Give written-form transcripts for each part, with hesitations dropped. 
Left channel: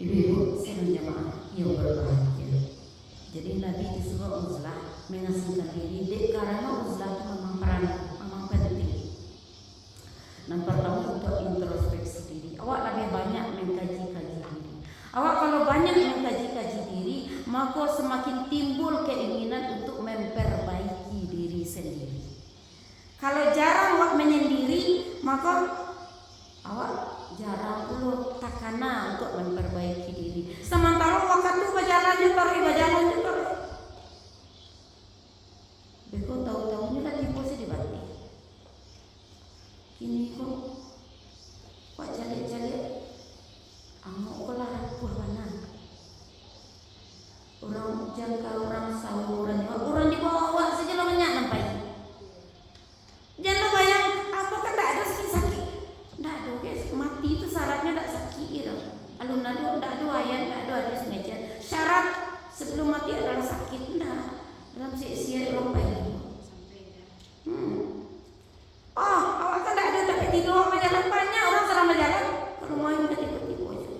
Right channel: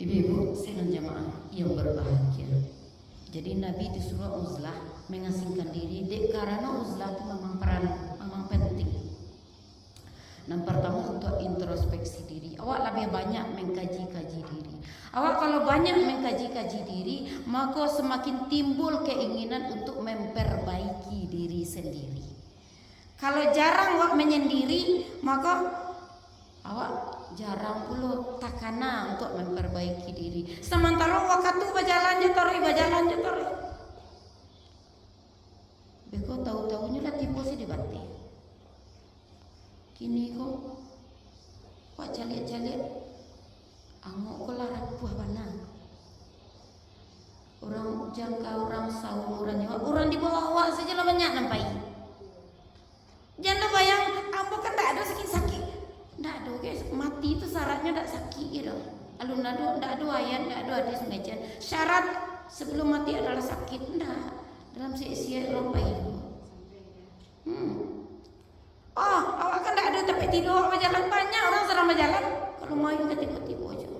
Ibu-ibu sekalian jamaah yang berbahagia. Jadi Nabi disuruh uzlah mengasingkan diri karena uzlah itu memang penting. Yang pertama untuk introspeksi diri. Awak lebih banyak mengkaji-kaji diri. Awak kalau banyak mengkaji-kaji diri, maka semakin timbul keinginan untuk memperbaiki diri sendiri. Kalau jarang awak menyendiri, maka awak jarang dulu takana untuk memperbaiki diri. Sementara waktu berjalan tarik. Beko tahu-tahunya lah tipu sih dibati. Kini kok jalit-jalit, amok kolah rapuh mana? Orang jangka orang sahur orang di bawah saja lah banyak nampai. Jangan bayang apa kan tak ada sakit-sakit. Ndak ada guys, mati itu syaratnya tak sakit gitu. Alun ndak ada ayat, ndak ada hadis sengaja. Syarat sebelum mati adalah sakit ndak. Dalam sia-sia rompai. Oh, awak kan ndak ada tapi tidur berjalan banyak orang sedang berjalan. Kalau main ketika-ketika aja.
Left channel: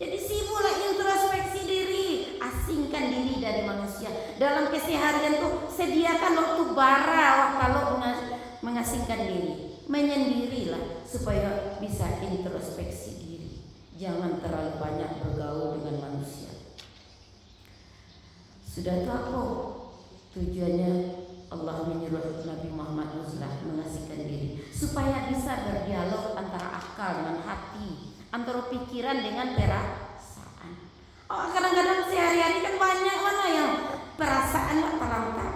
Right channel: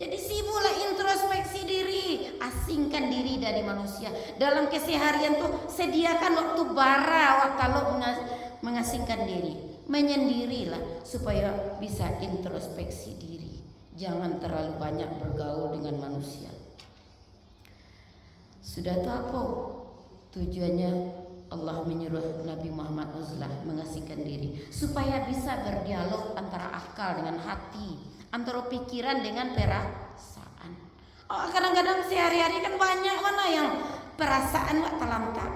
Jadi sibuklah introspeksi diri, asingkan diri dari manusia. Dalam keseharian tuh sediakan waktu bara kalau mengasingkan diri. Menyendirilah supaya bisa introspeksi diri. Jangan terlalu banyak bergaul dengan manusia. Sudah tahu tujuannya Allah menyuruh Nabi Muhammad uzlah mengasingkan diri supaya bisa berdialog antara akal dengan hati, antara pikiran dengan perasaan. Oh, kadang-kadang sehari-hari kan banyak mana yang perasaan wak terangkat.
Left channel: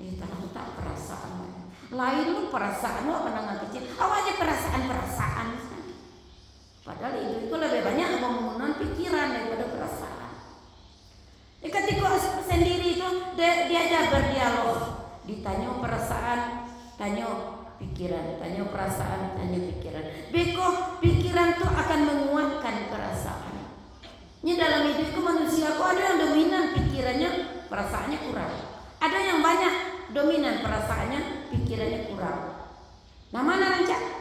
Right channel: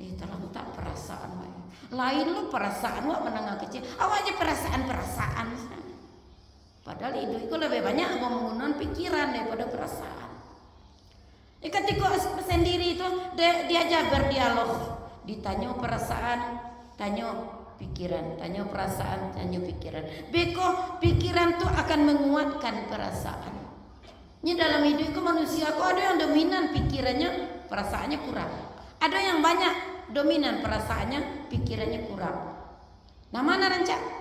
Terangkat perasaan lain lu perasaan wak menengah kecil. Awak aja perasaan. Padahal itu lebih banyak menggunakan pikiran daripada perasaan. Ketika sendiri itu diajak berdialog, ditanya perasaan, tanya pikiran, tanya perasaan, tanya pikiran. Beko pikiran tuh akan menguatkan perasaan. Ini dalam hidup itu manusia kok ada yang dominan pikirannya, perasaannya kurang. Ada yang banyak dominan perasaannya, pikirannya kurang. Nah mana rancak?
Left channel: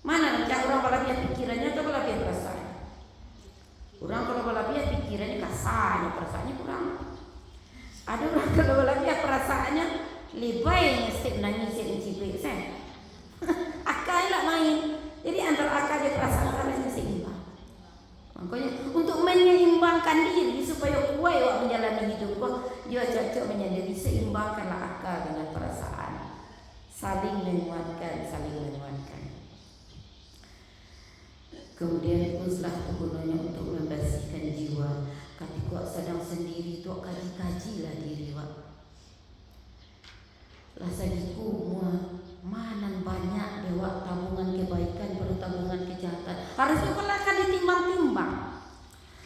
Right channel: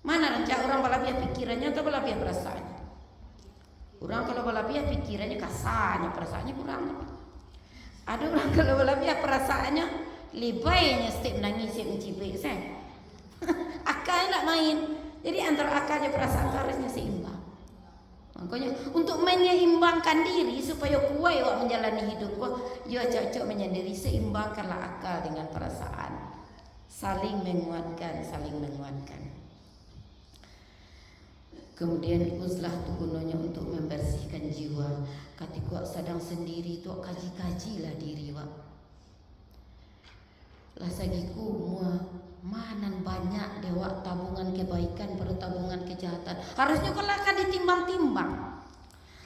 Mana rancak orang kelebihan pikirannya atau kelebihan perasaan? Orang kalau kelebihan pikirannya kasar, perasaannya kurang. Ada orang kalau kelebihan perasaannya lebaynya setiap nangis setiap mencibik saya. Akal nak main. Jadi antara akal dan perasaan harusnya seimbang. Makanya untuk menyeimbangkan diri supaya kuat awak menjalani hidup, dia cocok menyendiri, seimbangkanlah akal dengan perasaan. Saling menguatkan. Kemudian uzlah itu gunanya untuk membersihkan jiwa. Ketika sedang sendiri tu kaji-kajilah diri wak. Lah sagiku mana banyak dewa tabungan kebaikan perlu tabungan kejahatan. Harusnya kalau akan ditimbang-timbang.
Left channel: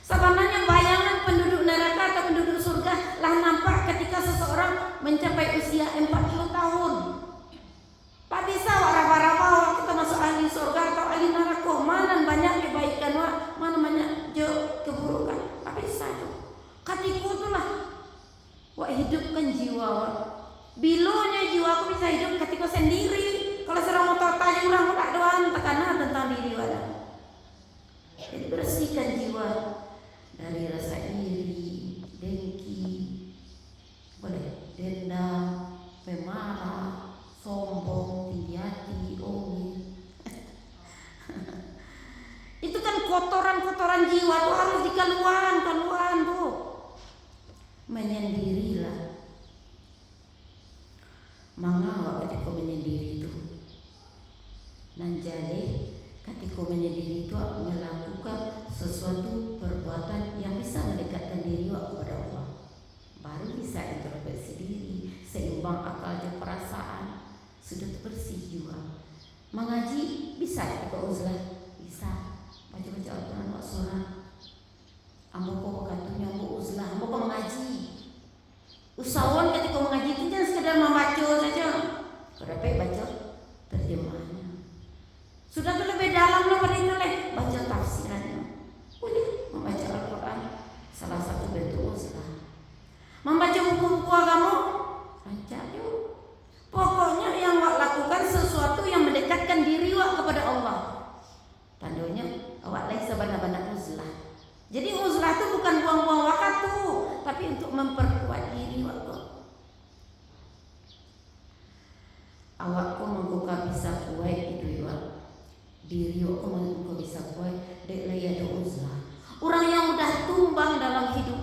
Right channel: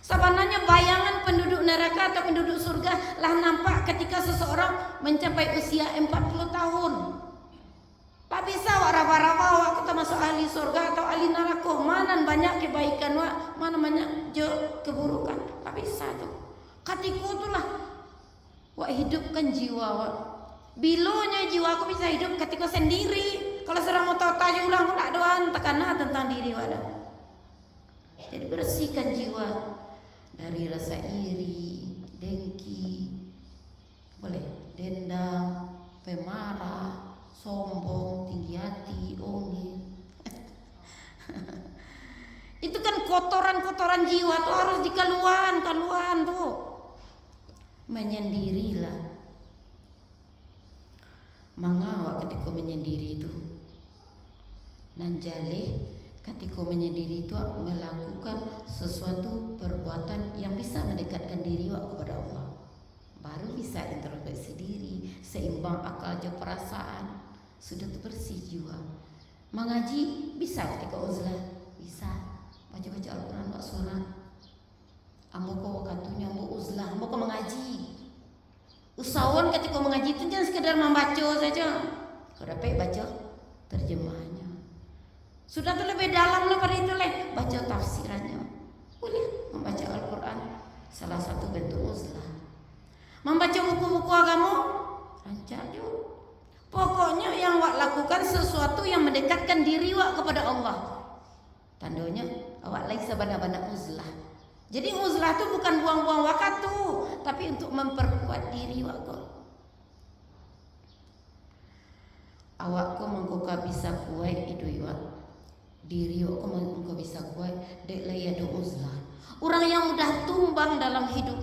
Sebenarnya bayangan penduduk neraka atau penduduk surga lah nampak ketika seseorang mencapai usia 40 tahun. Tak bisa raba-raba kita masuk ahli surga atau ahli neraka. Mana banyak kebaikan wak, mana banyak keburukan. Tak bisa tu. Ketika itulah wak hidupkan jiwa wak. Bilanya jiwa aku bisa hidup ketika sendiri. Kalau serang utara orang tak doan tekanan tentang diri wak. Jadi bersihkan jiwa dari rasa iri, dengki, boleh dendam, pemarah, sombong, tinggi hati, ongil. Itu kan kotoran-kotoran jiwa tuh harus dikeluarkan tuh. Menyendirilah. Mengawak ketika menyendiri itu. Nanjale ketika menyendiri itu melakukan sesuatu perbuatan yang bisa mendekatkan diri kepada Allah. Baru bisa introspeksi diri, seimbang akal dan perasaan, sudah bersih jiwa. Mengaji bisa ketika uzlah, bisa. Baca-baca Al-Quran, buat sholat. Ambo katanya ambo uzlah, ambo mengaji. Usahawan ketika mengaji itu jangan sekedar membaca saja. Kenapa baca terjemahannya? Sudah terlebih dalam daripada itu baca tafsirannya. Boleh membaca Al-Quran, salah satu bentuk uzlah. Membaca buku-buku agama, rancak yuk. Pokoknya yang wak lakukan sesuatu yang mendekatkan diri wak kepada Allah. Tandanya bisa kuat itu ya diri engkau bisa kuat dek laya do uzlah. Orang yang mudah tumbang dalam hidup,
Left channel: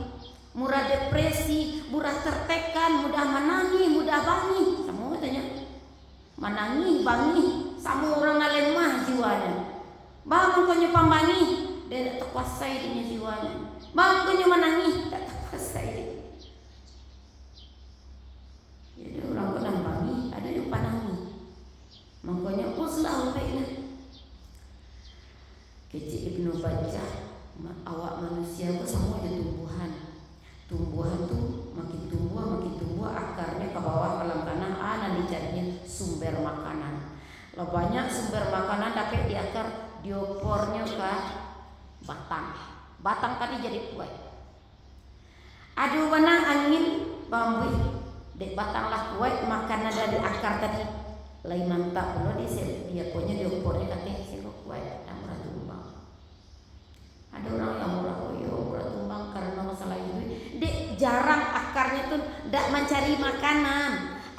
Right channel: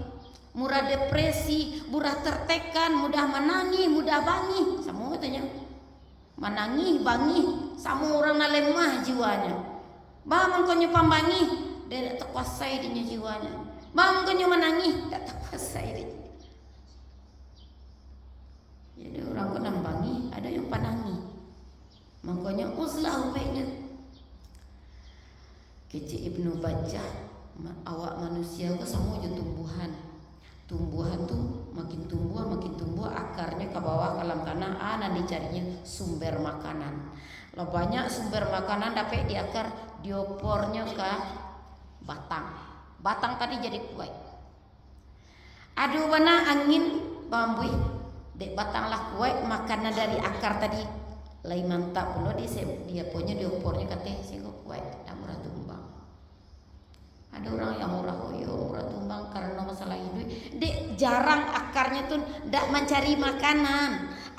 mudah depresi, mudah tertekan, mudah menangis, mudah bangi, sama katanya menangis, bangi, sama orang lain mah jiwanya. Bangun kau pambangi, dia tak kuasai dengan jiwanya. Bangun kau menangis, tak kuasai dia. Jadi orang kena bangi, ada yang panangi. Makanya uzlah baiknya. Kecil Ibnu Bajjah, awak manusia itu semua di tumbuhan. Tumbuhan tuh makin tumbuh akarnya ke bawah alam tanah. Ana dicarinya sumber makanan. Lah banyak sumber makanan dapat di akar, diopornya ke batang. Batang tadi jadi kuat. Ada warna angin bambu, dek batang lah kuat makanan dari akar tadi. Lain nampak pula dia punya diopornya katanya sih kuat. Ada orang yang murah tumbang karena masalah hidup. Dek jarang akarnya tuh tidak mencari makanan.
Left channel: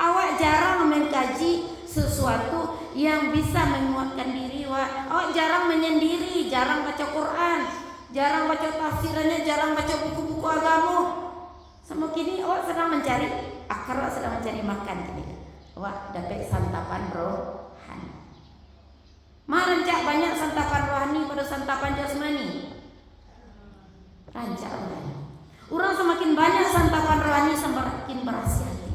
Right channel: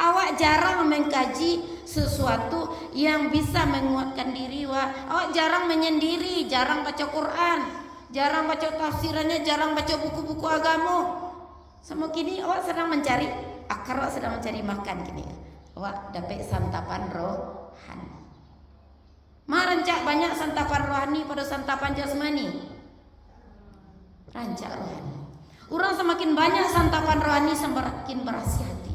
Awak jarang mengkaji sesuatu yang bisa menguatkan diri. Awak jarang menyendiri, jarang baca Quran, jarang baca tafsirannya, jarang baca buku-buku agama. Sama kini awak sedang mencari akar, awak sedang mencari makan kini. Awak dapat santapan rohani. Rancak banyak santapan rohani pada santapan jasmani. Rancak rohani. Orang semakin banyak santapan rohani semakin bersih hati,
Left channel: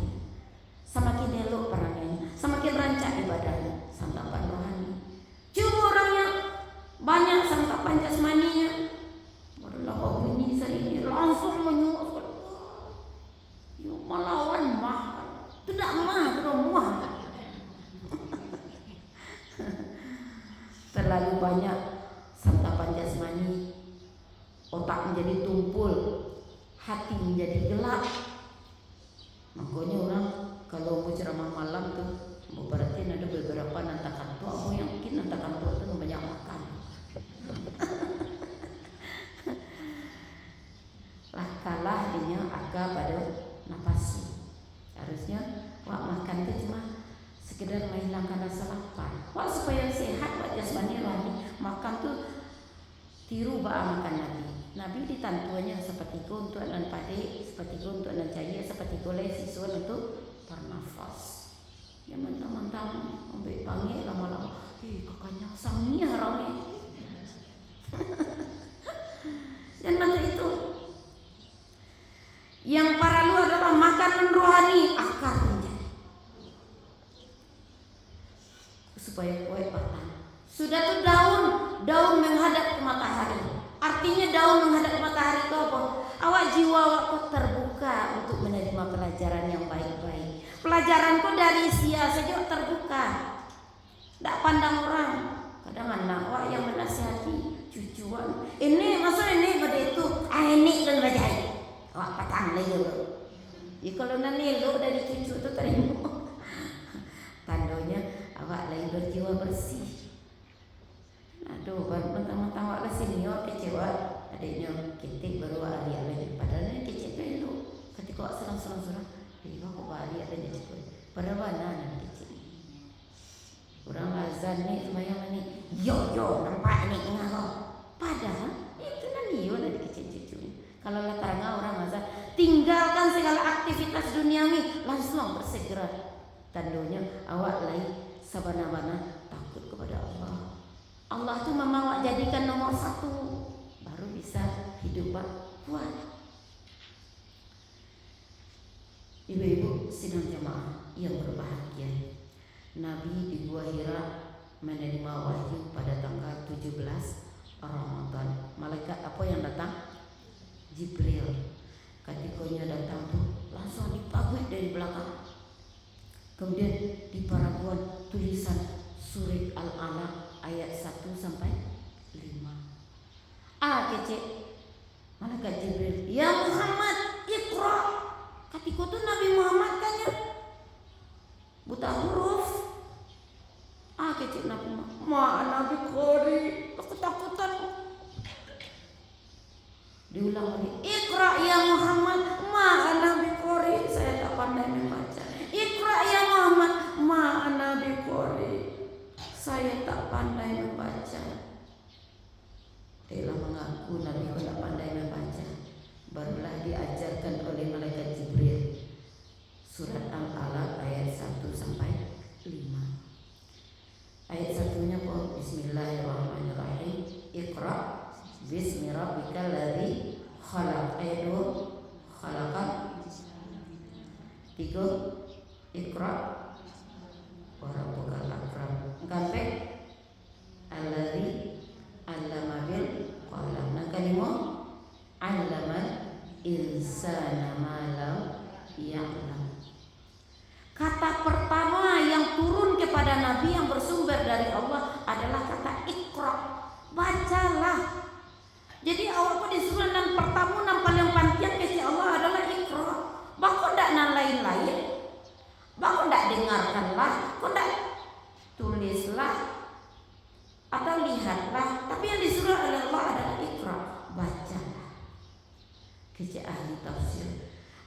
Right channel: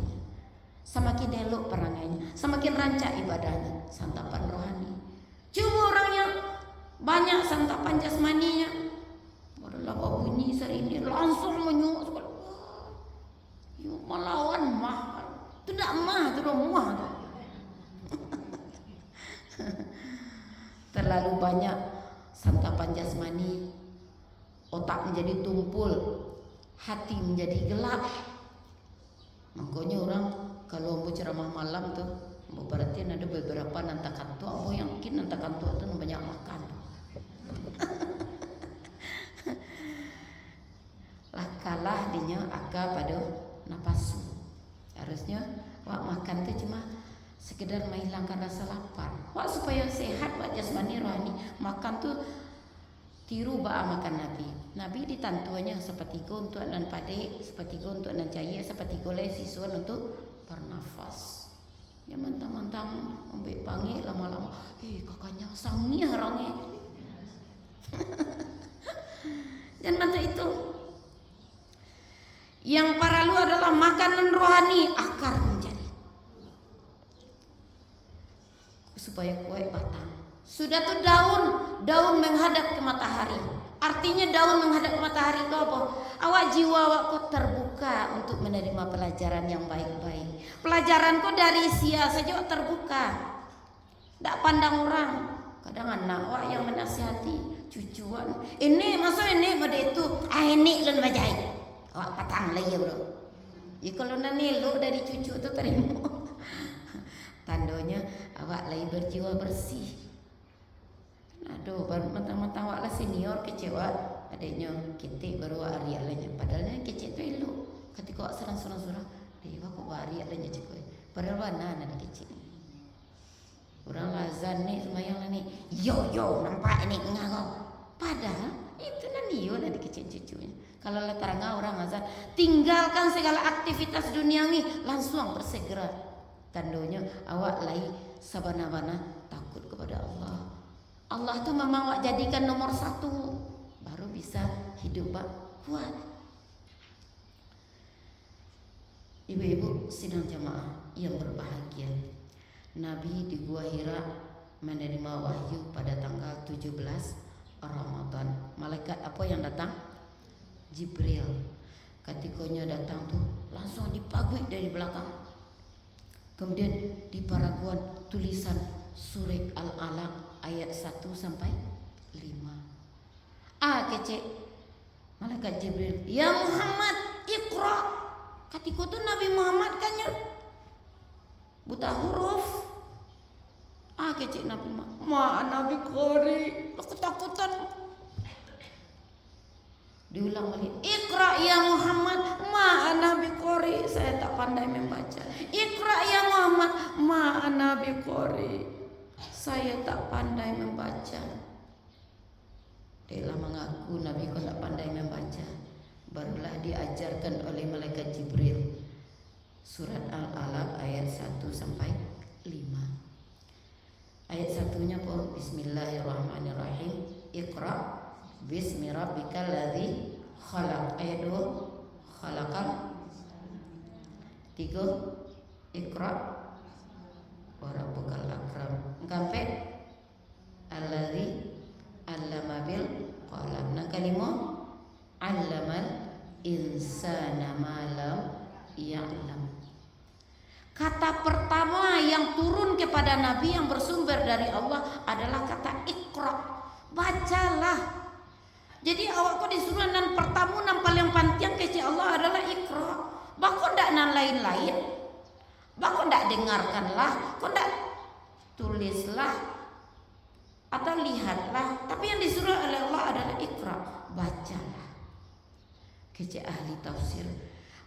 semakin elok perangainya, semakin rancak ibadahnya. Santapan rohani. Cuma orang yang banyak santapan jasmaninya, adalah bau ini ini langsung menyuruh, yuk melawan mah, tidak mah, tidak muah. Terlalu banyak santapan jasmani, otak menjadi tumpul, hati menjadi gelap. Makanya orang kalau mau ceramah malam tuh, mau perhatiin ada beberapa nantakan tua, aku yakin nantakan tua itu banyak makan. Lah kalah dia akal pada nafsu. Harusnya wak makan itu cuma sekedar menghilangkan rasa lapar. Wak supaya sehat, wak jasmani rohani, makan tuh tiru ba'a makan Nabi. Nabi ditantuanya seperti untuk nan pade, seperti untuk nan cahaya, seperti goleh siswa untuk bernafas. Ya mantap-mantap ambil panggil lama-lama. Kakaknya sangnya orangnya. Dan mata itu yang paralu adalah makanan rohani, akar menjadi supaya kuat batang. Sudah tuh daun menghadap ke matahari. Artinya daun menghadap ke matahari itu apa? Awak jiwa awakku terbuka untuk menerima pelajaran yang baik-baik. Pelajaranku dari sia saja terbuka. Tak pandang orang. Kadang anak awak yang menasihati cucuan. Ini maksud ini pada itu. Ini kan bajai. Awak patang lagi bro. Ya kalau nanti lo dari cucu itu terima. Tandanya awak lagi berjiwa bersih. Aduh, mentang-mentang awak lah senior kecewa adiknya kita baru hari lain. Padahal yang kecil tu elok. Ketika awak serang-serang, kok hari lain je. Padahal mana anak kecil. Orang lazan ni semayang ni. Yo nampak ni ngawak. Padahal itu nanti yo lah di kecil cucunya. Kalau letangga orang lazan, tinggalkan segala aktivitas duniawi, langsung bersegera. Tandanya awak lagi sabana-bana takut kepada Allah. Allah tuh memang awak jadikan nomor satu, baru bisa hidup kuat. Ibu-ibu sidang jemaah yang berbahagia, Nabi di Gua Hira menerima wahyu pada tanggal 17 Ramadan. Malaikat apa yang datang? Jibril. Ketikanya datang tuh langsung dipagui dari belakang. Kemudian di paraguan tulisan surat Al-Alaq ayat 1 sampai 5. Kecil. Malaikat Jibril, ya Muhammad, Iqra. Ketika itu Nabi Muhammad kan ya buta huruf. Kecil Nabi Muhammad, Nabi Qori, ketakutan. Diulang lagi, Iqra ya Muhammad, Nabi Qori, saya tak pandai membaca. Iqra ya Muhammad, Nabi Qori. saya tak pandai membaca. Dia mengaku Nabi kau tak pandai membaca. Barulah diajarkan oleh malaikat Jibril surat Al-Alaq ayat 1 sampai 5. Ayat satunya pun Bismillahirrahmanirrahim. Iqra bismi rabbikal ladzi khalaq. Ayat 2 khalaqal 3 Iqra wa rabbukal akram. Sampai alladzi 'allama bil qalam. Nah, kalimah 'allamal insana ma lam ya'lam. Kata pertama yang turun kepada Nabi yang bersumber dari Allah adalah kata Iqra. Bacalah. Jadi awak disuruh nan pertama nan paling pantian keci Allah adalah Iqra. Bako ndak nan lain-lain. Bako ndak dengarkanlah, kau ndak tulislah atau lihatlah. Tapi yang disuruh oleh Allah adalah Iqra. Bacalah. Keci ahli tafsir.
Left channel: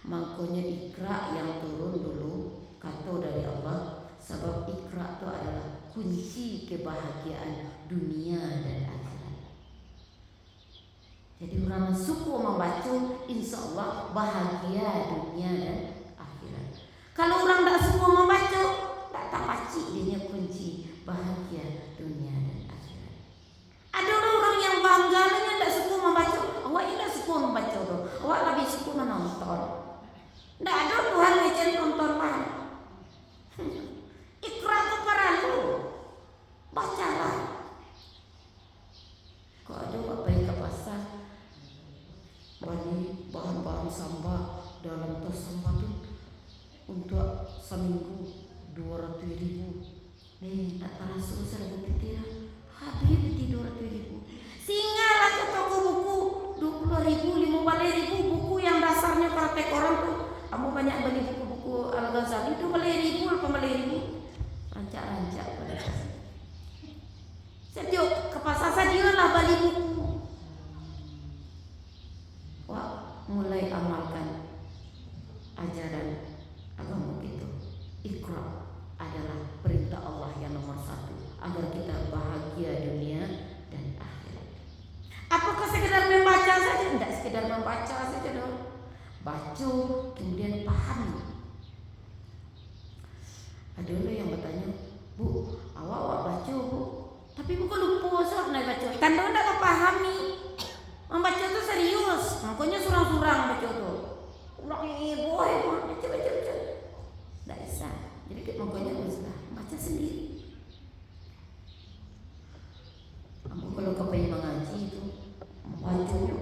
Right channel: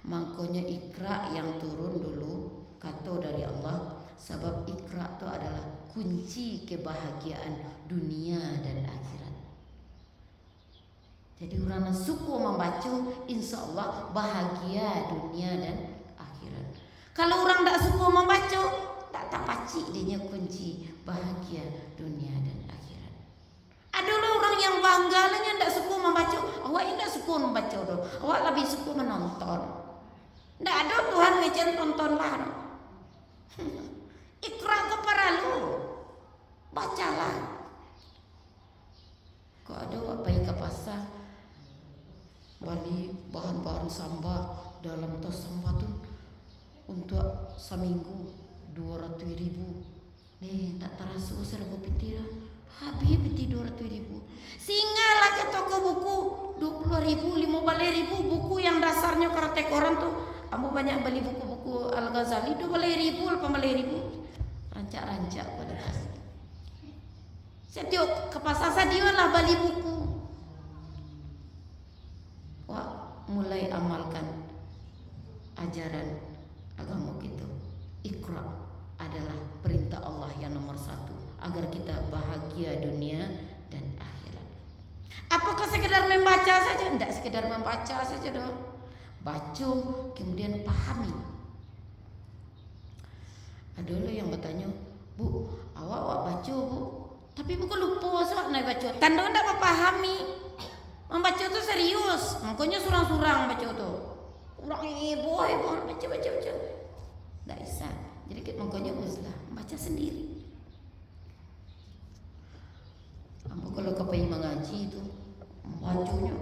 Makanya Iqra yang turun dulu kata dari Allah, sebab Iqra itu adalah kunci kebahagiaan dunia dan akhirat. Jadi orang suku membaca, insya Allah bahagia dunia dan akhirat. Kalau orang tidak suka membaca, tak pacik dia kunci bahagia dunia dan akhirat. Ada orang yang bangga dia tidak suka membaca. Awak tidak suka membaca, awak lebih suka menonton. Tidak ada Tuhan macam tontonlah. Iqra keparalu, bacalah. Kau ada apa yang ke pasar, beli bahan-bahan sambal dalam tos sambal tu untuk seminggu 200.000. Tak terasa serba peti lah. Habis peti 200.000. Singgahlah ke toko buku 20.000, 15.000 buku yang dasarnya praktek orang tu. Kamu banyak beli buku-buku Al-Ghazali itu beli 1.000, rancak-rancak pada pasar. Setiap ke pasar saja lah beli buku. Wah, mulai amalkan ajaran agama kita. Iqra adalah perintah Allah yang nomor 1 agar kita bahagia dunia dan akhirat. Apakah sekedar membaca saja? Tidak sekedar membaca saja dong. Baca kemudian pahami. Ada orang yang bertanya, Bu, awak baca Bu, tapi bukan lupa saat nak baca. Tanda tak pahami. Membaca tu serius. Makanya surang-surang baca tu. Orang ibu baca. Tak bisa. Jadi makanya usah baca sendiri. Apa kalau kau pengen mengaji tu, bacanya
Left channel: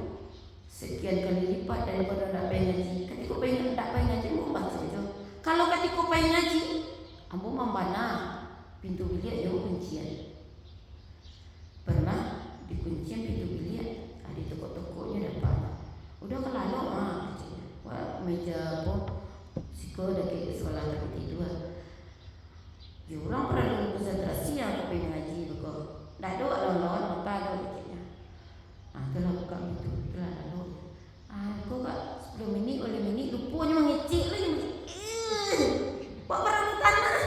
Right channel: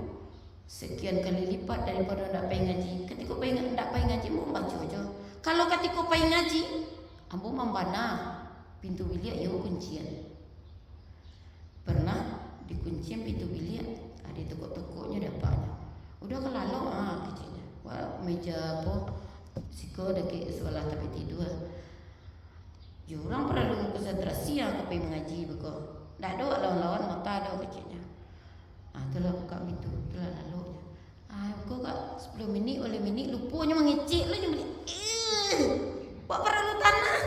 sekian kali lipat daripada nak pengen ngaji. Ketika pengen tak pengen ngaji, mau baca aja. Kalau ketika pengen ngaji, ambo membana pintu bilik yang kuncian. Pernah dikuncian pintu bilik, ada tokok-tokoknya datang. Udah kelalu kecilnya. Wah, meja apa? Siko dekat sekolah tapi tidur. Jurang perlu konsentrasi yang pengen ngaji begitu. Dah ada lawan-lawan mata ada kecilnya. Kalau buka pintu, lalu aku kat 10 minit, oleh minit lupanya mengecik lagi. Buat perlu tanah.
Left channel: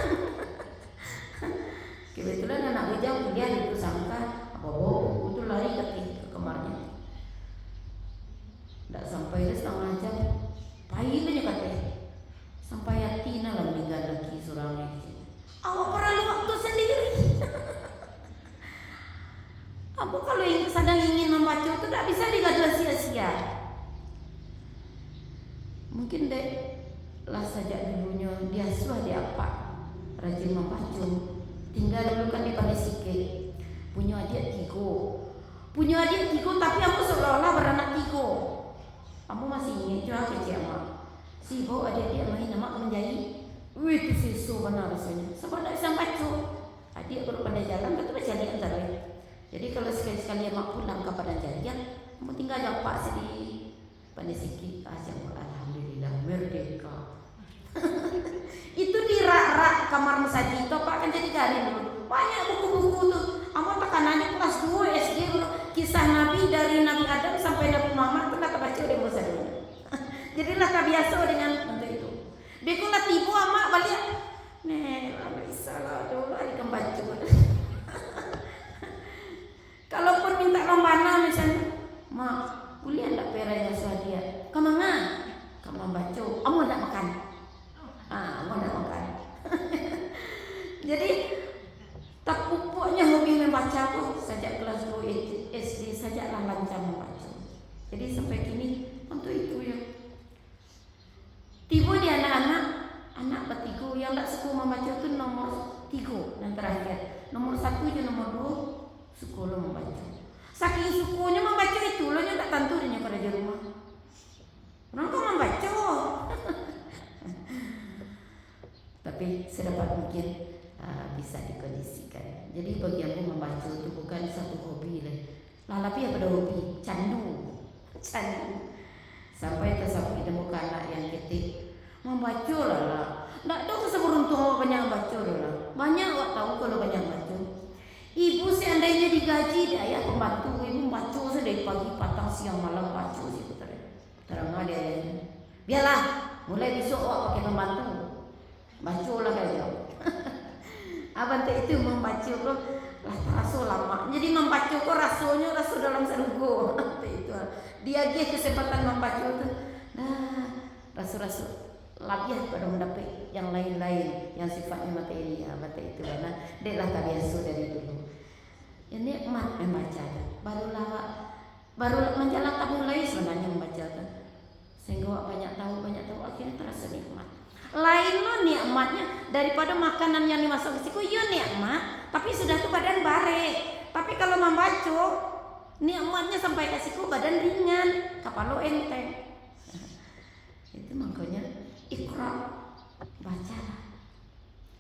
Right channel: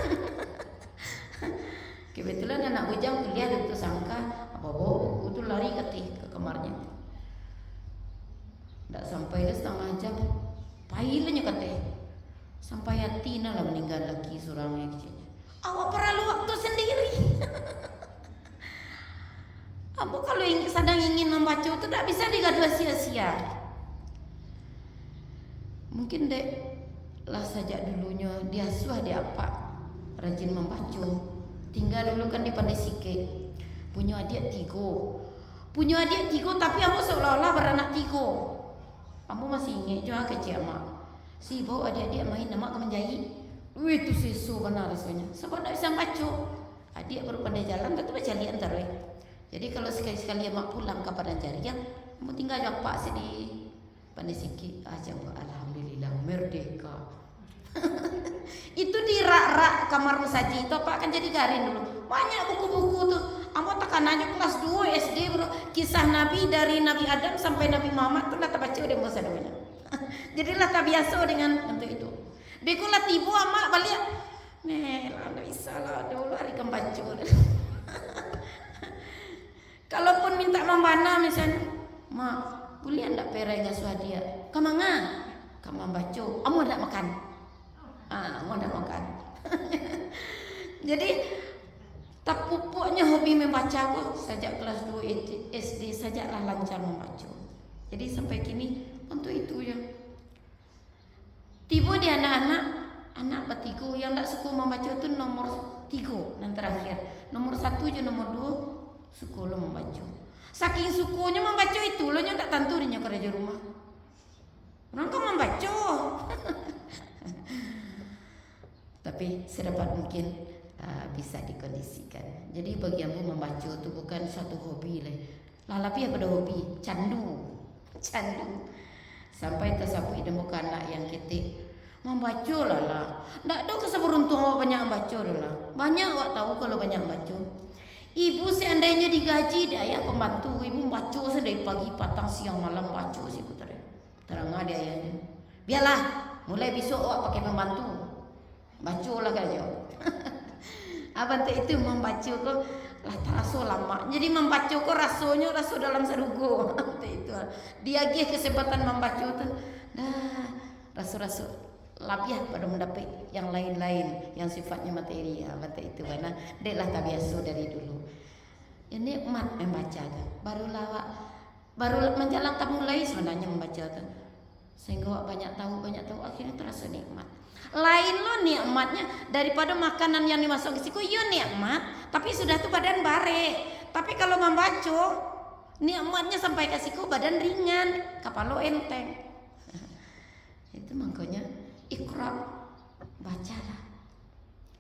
Kebetulan anak bujang kuliah itu sangka bawa itu lari ke kamarnya. Tak sampai dah setengah jam, pahilnya kata. Sampai hati lah meninggal lagi seorangnya. Awak perlu waktu sendiri. Apa kalau yang sedang ingin membaca itu tak bisa digaduh sia-sia. Mungkin dek lah sejak dulunya dia suah dia apa rajin membaca. Tinggal dulu kan di Pandai Sikit. Punya adik 3. Tapi aku seolah-olah beranak 3. Kamu masih ingat juga kecil mak. Sibuk adik-adik main nama menjahit. Wih itu sesu benar rasanya. Sebab tak bisa baca. Adik kalau pandai jalan kata baca lihat antara. Jadi kalau sekali-sekali mak pulang ke Padang Jariah, kamu tinggal jumpa di Pandai Sikit aja. Alhamdulillah merdeka. Itu di rak-rak kamar masaji itu apa akan jadi garing dulu. Banyak buku-buku tuh. Amat tekanannya kelas 2 SD dulu. Kisah Nabi dari Nabi Adam sampai Nabi Muhammad tuh tak baca udah masa dulu. Jadilah tak biasa dengan untuk itu. Bekulah tiba amak balik. Nih, tak bisa lah dulu hari kan baca. Jadi tak pupuknya hobi membaca aku sejak kelas 2 SD sajalah lancar membaca. Jadi sampai kini untuk itu ya. Tiba di anak ketiga yang tak suka membaca itu nomor 3 yang terakhir. Nomor 1 je nomor 2 suka lo membaca. Saking sukanya membaca itu lo tak tentu dia kerja di rumah. Orang kau membaca. Tapi sedapat mungkin bisa dikondisikan. Jadi bagi aku membaca itu bukan satu hobi lah. Lalapi apa hobi? Candu. Sampai tersapu hidung anak yang ketik membaca lah. Tak tahu keseberuntung awak banyak membaca lah. Banyak awak tahu kalau banyak membaca. Ibu seandainya digaji daya pembantu, ibu membaca dari pagi patang siang malam baca sih putar. Terang ada ayahnya. Biarlah, mulai besok awak pakai pembantu. Baca lah kerja. Abang itu membaca kok lah terasa lama. Jadi membaca kok rasanya rasa dalam serugo. Itu. Dia kesempatan membaca itu. Nah, rasa-rasa labiah pada mendapat yang lain-lain yang sifatnya materi. Abang itu karena dia lah tak biasa dari dulu. Ini emak membaca. Baru menjalankan mulai sebenarnya membaca. Sehingga banyak tahu akhirnya terasa nikmat. Lain lo nikmatnya daripada makanan yang dimasuk ke siku, iya nikmat, tapi sudah tuh badan bare. Tapi kalau membaca nikmatnya sampai ke siku badan ringan, kepala enteng. Itu makanya Iqra, baca.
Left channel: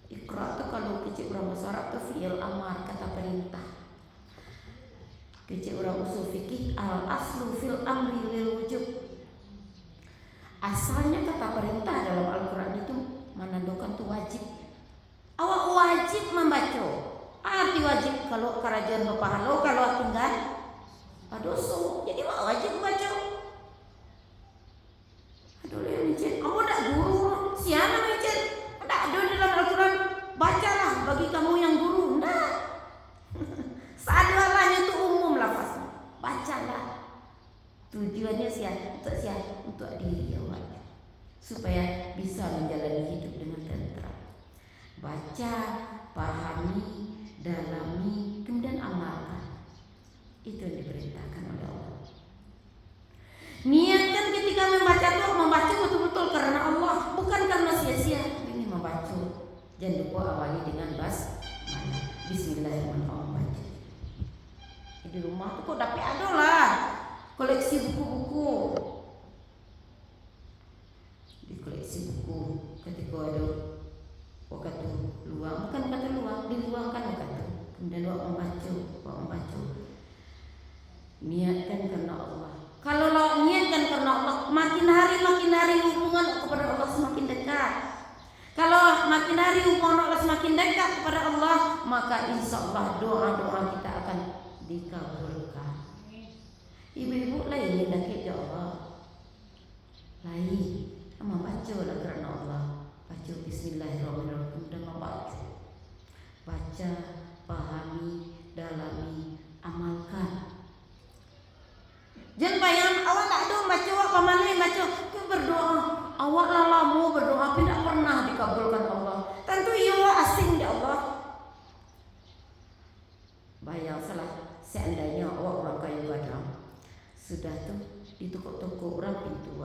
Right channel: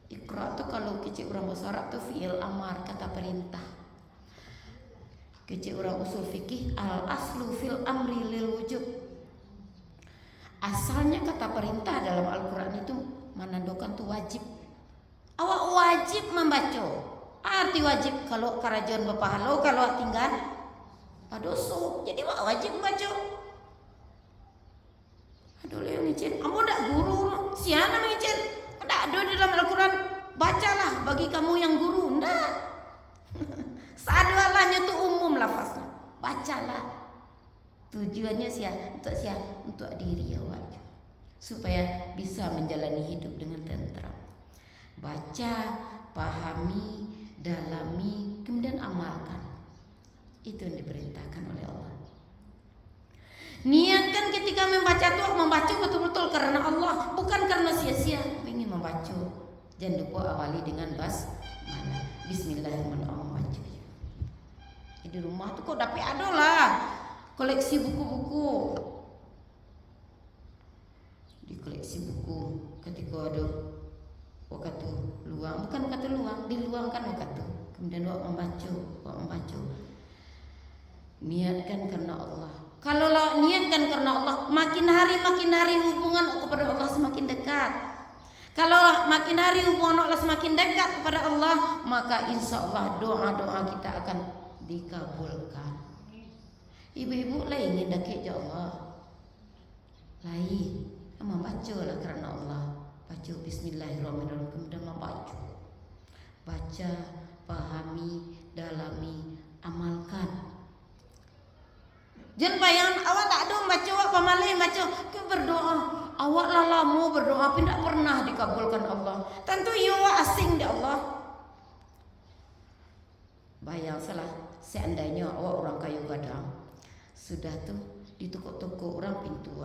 Iqra tuh kalau kecil orang bahasa Arab tuh fi'il amar, kata perintah. Kecil orang usul fikih al aslu fil amri lil wujub. Asalnya kata perintah dalam Al-Quran itu menandakan itu wajib. Awak wajib membaca. Arti wajib kalau kerajaan berpahala, kalau tinggal dosa. Jadi awak wajib membaca. Aduh lihat micin, kamu tak guru siapa micin? Tak ada dalam Al-Quran. Bacalah bagi kamu yang guru. Enggak. Seadalahnya itu umum lafaznya. Bacalah. Tujuannya untuk diri awak supaya bisa menjalani hidup dengan tentram. Baca, pahami, dalami, kemudian amalkan. Itu yang diperintahkan oleh Allah. Niatkan ketika membaca betul-betul karena Allah, bukan karena sia-sia ingin membaca. Jangan lupa awali dengan basmalah. Bismillahirrahmanirrahim. Di rumah tuh kok dapat ada lah. Koleksi buku-buku. Di koleksi buku ketika ada waktu luang, bukan kata luang, diluangkan waktu. Kemudian lo membaca. Niatkan karena Allah. Kalau lo niatkan karena Allah, makin hari hubungan kepada Allah semakin dekat. Kalau makin hari hubungan Allah semakin dekat kepada Allah, maka insya Allah doa-doa kita akan dikabulkan. Ibu-ibu lain yang dekat ke Allah. Lain, membaca lah karena Allah. Baca Bismillahirrahmanirrahim dan membaca. Baca, pahami, dalami, amalkan. Jangan bayang awak tak ada baca apa malai baca. Kau berdoa, awak lah lama berdoa, tapi tak pernah dikabulkan Allah. Tentu ia asing di Allah. Bayang salah, seandainya awak orang kayu gadang. Sudah tuh di toko-toko orang pintu.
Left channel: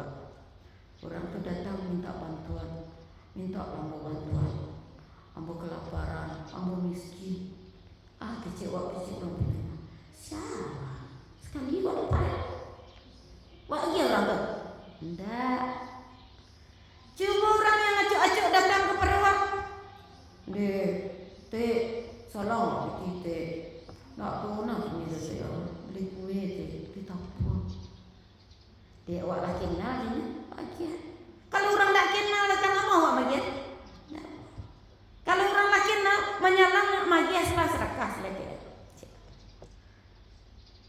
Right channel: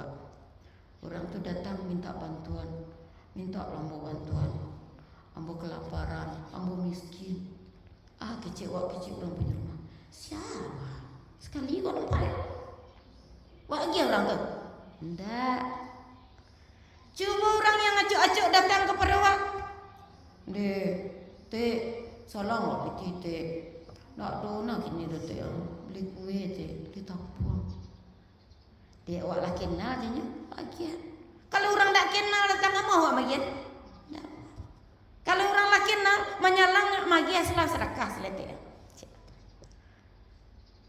Orang tuh datang minta bantuan, minta lampu bantuan, ambo kelaparan, ambo miskin. Kecewa orang punya. Siapa? Sekali orang pada. Wah dia orang tuh. Ndak. Coba orang yang acok-acok datang kepada awak. Dek, salam kita. Nak dona kini dah saya beli kue teh, beli tapur. Dia awak lah kenal dia bagian. Kalau orang tak kenal datang apa awak bagian? Nah. Kalau orang tak kenal menyalang magi asal sedekah selesai.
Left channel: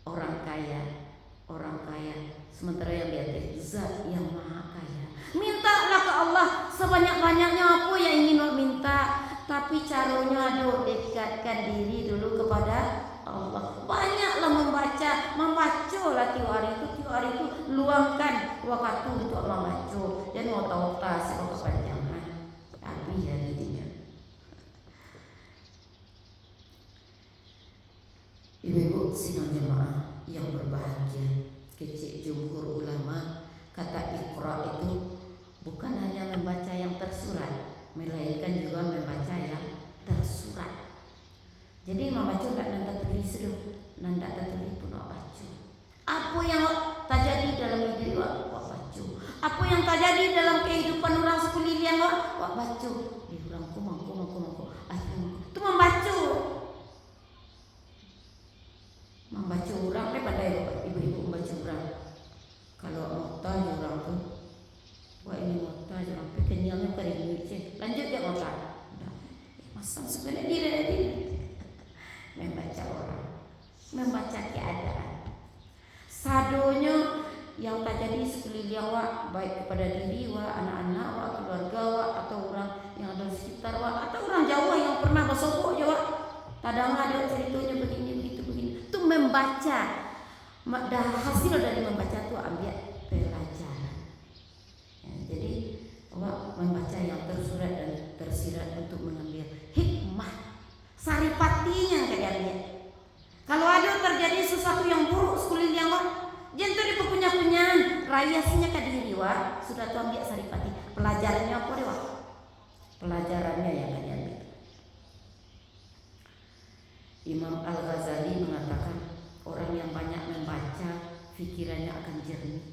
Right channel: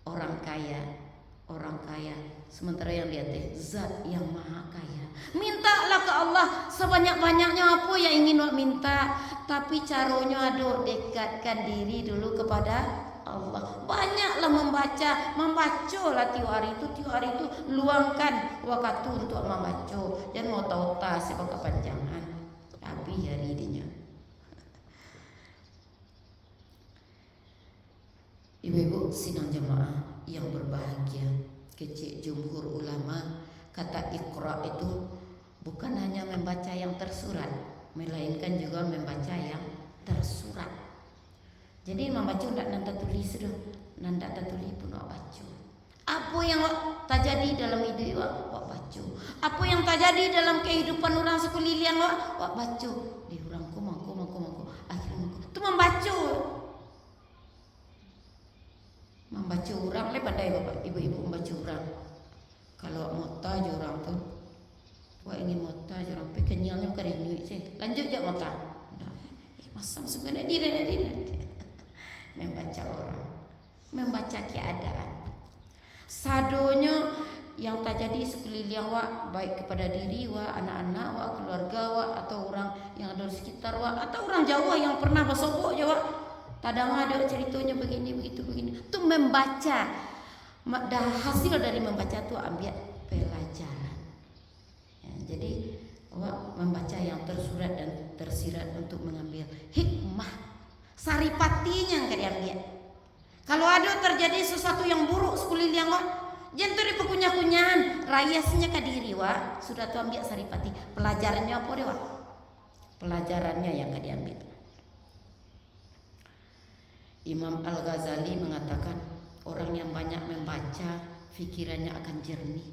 Orang kaya, sementara yang dia teh zat yang maha kaya. Mintalah ke Allah sebanyak-banyaknya apa yang ingin awak minta, tapi caranya ada dekatkan diri dulu kepada Allah. Banyaklah membaca lah tiap hari itu luangkan waktu untuk membaca. Dan mau tahu tak sebab kepanjangan tapi hari dinya. Ibu-ibu sidang jemaah yang berbahagia, kecil jumhur ulama kata Iqra itu bukan hanya membaca yang tersurat, melainkan juga membaca yang tersurat. Jadi membaca tidak nanda tulis dulu, nanda tulis pun baca. Apa yang terjadi dalam hidup wak baca. Apa yang terjadi dalam kehidupan orang sekeliling wak baca. Dia bilang kumang. Akhirnya itu membaca. Membaca orang ni pandai ibu-ibu membaca orang. Kalau mota je orang tu, wak ingin mota je orang. Tapi kenyangnya kering je. Lanjut je mota. Masam sebenarnya diri. Membaca orang, membaca keadaan. Sadonya yang terjadi sekeliling wak, baik kepada diri wak, anak-anak wak, keluarga wak, atau orang yang ada di sekitar wak, atau orang Jawa yang pernah bersogok je wak. Kadang ada ceritanya begini. Itu membaca. Dah hasil dari membaca tu ambil pelajaran. Ya, jadi wak membaca yang tersurat dan tersirat untuk mengambil hikmah. Saripatinya yang diambil. Kalau ada terjadi sesuatu yang buruk sekeliling wak, jangan tu punya-punyahan, rayasnya ke diri wak, sudah tu ambil saripati. Pelajarannya apa dia wak? Pelajarannya yang diambil. Imam Al-Ghazali mengatakan orang yang banyak membaca fikirannya akan jernih.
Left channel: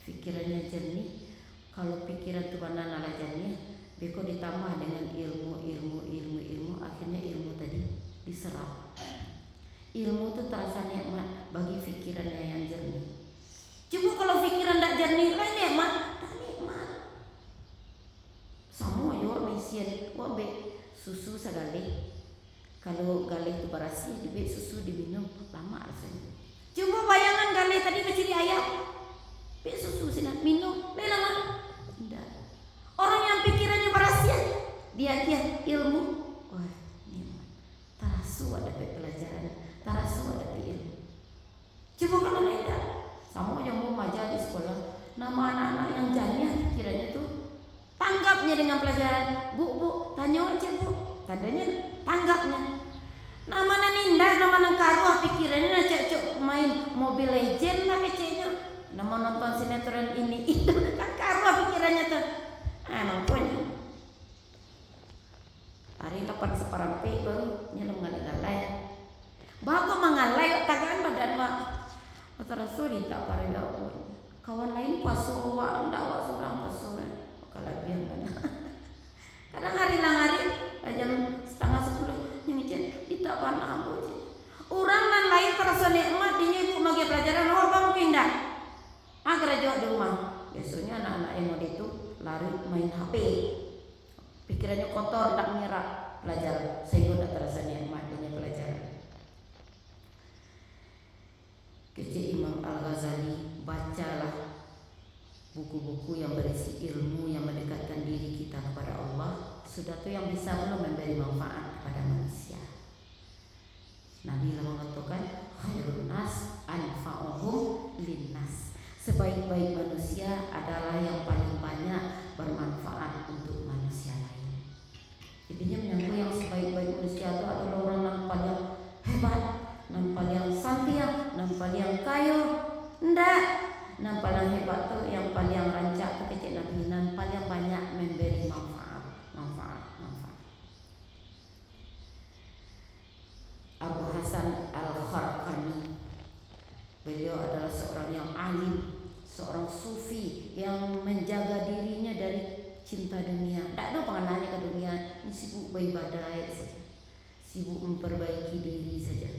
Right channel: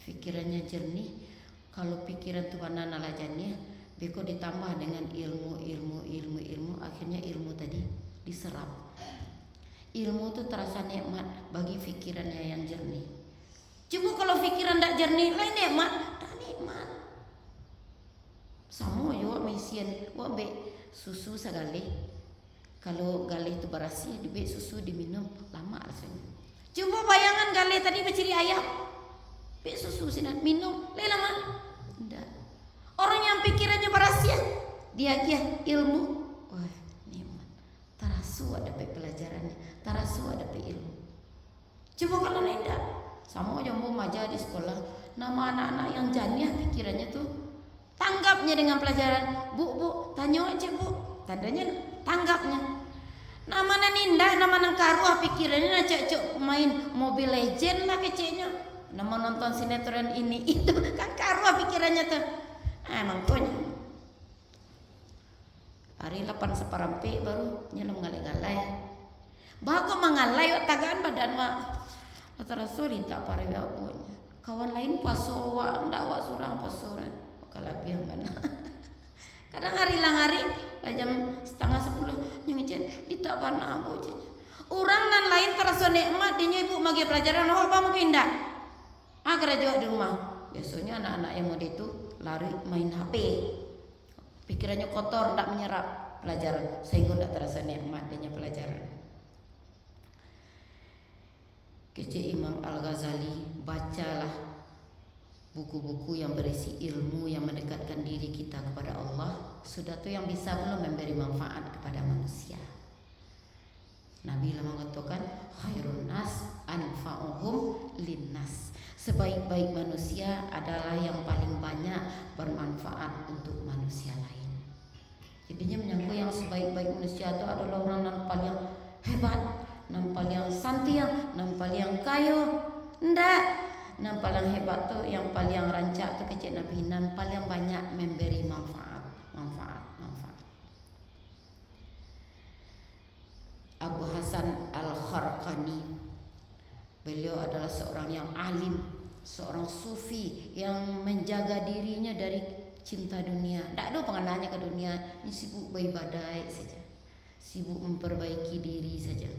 Fikirannya jernih. Kalau pikiran tu mana nalajannya, beko ditambah dengan ilmu, akhirnya ilmu tadi diserap. Ilmu itu terasa nikmat bagi fikirannya yang jernih. Cuma kalau fikiran tak jernih, lain nikmat, tak nikmat. Sama yo misian, wabe susu sekali. Kalau galih itu berasi, dibik susu diminum lama rasanya. Cuma bayangan galih tadi berciri ayam, bik susu sini minum, lain lama. Tidak. Orang yang pikirannya berasian, dia ilmu, wah nikmat. Tarasu ada pelajaran, tarasu ada ilmu. Coba kalau tidak, sama yang mau maja di sekolah, nama anak-anak yang janiah pikirannya tuh tanggapnya dengan pelajaran. Bu, tanya aja bu, tandanya tanggapnya. Nama ninda, nama nangkaruah pikirannya nak cek main Mobile Legend lah kecilnya. Nama nonton sinetron ini itu kan karuah pikirannya tuh. Nontonnya hari 8 seperampi baru nyelam galai-galai. Bagus mengalai tagaan badan mak. Terus tak parah pun. Kawan lain pasuruan, ndak wak surang pasuruan. Kalau biar mana. Kadang hari langari jam 9:30 nyengicen ditak panah aku. Orang nan lain terasa nikmat dinya ibu bagi pelajaran apa mungkin dah. Agar jauh di rumah. Biasanya anak-anak yang ada itu lari main HP, pikirannya kotor, tak menyerap pelajaran, sehingga tak terasa nikmat dengan pelajaran. Kecil Imam Al-Ghazali, bacalah buku-buku yang berisi ilmu yang mendekatkan diri kita kepada Allah. Sudah tu yang bisa memberi manfaat kepada manusia. Nabi mengatakan khairun nas anfa'uhum linnas. Sebaik-baik manusia adalah yang paling banyak bermanfaat untuk manusia lain. Intinya menyangkut yang sebaik-baik manusia itu adalah orang yang paling hebat, yang paling santia, yang paling kaya. Ndak, yang paling hebat tu, yang paling rancak tu kecil Nabi, yang paling banyak memberi manfaat. Abu Hasan Al-Kharqani, beliau adalah seorang yang alim, seorang sufi yang menjaga dirinya dari cinta dunia. Tak ada pengenalnya ke dunia, ini sibuk beribadah saja, sibuk memperbaiki diri saja.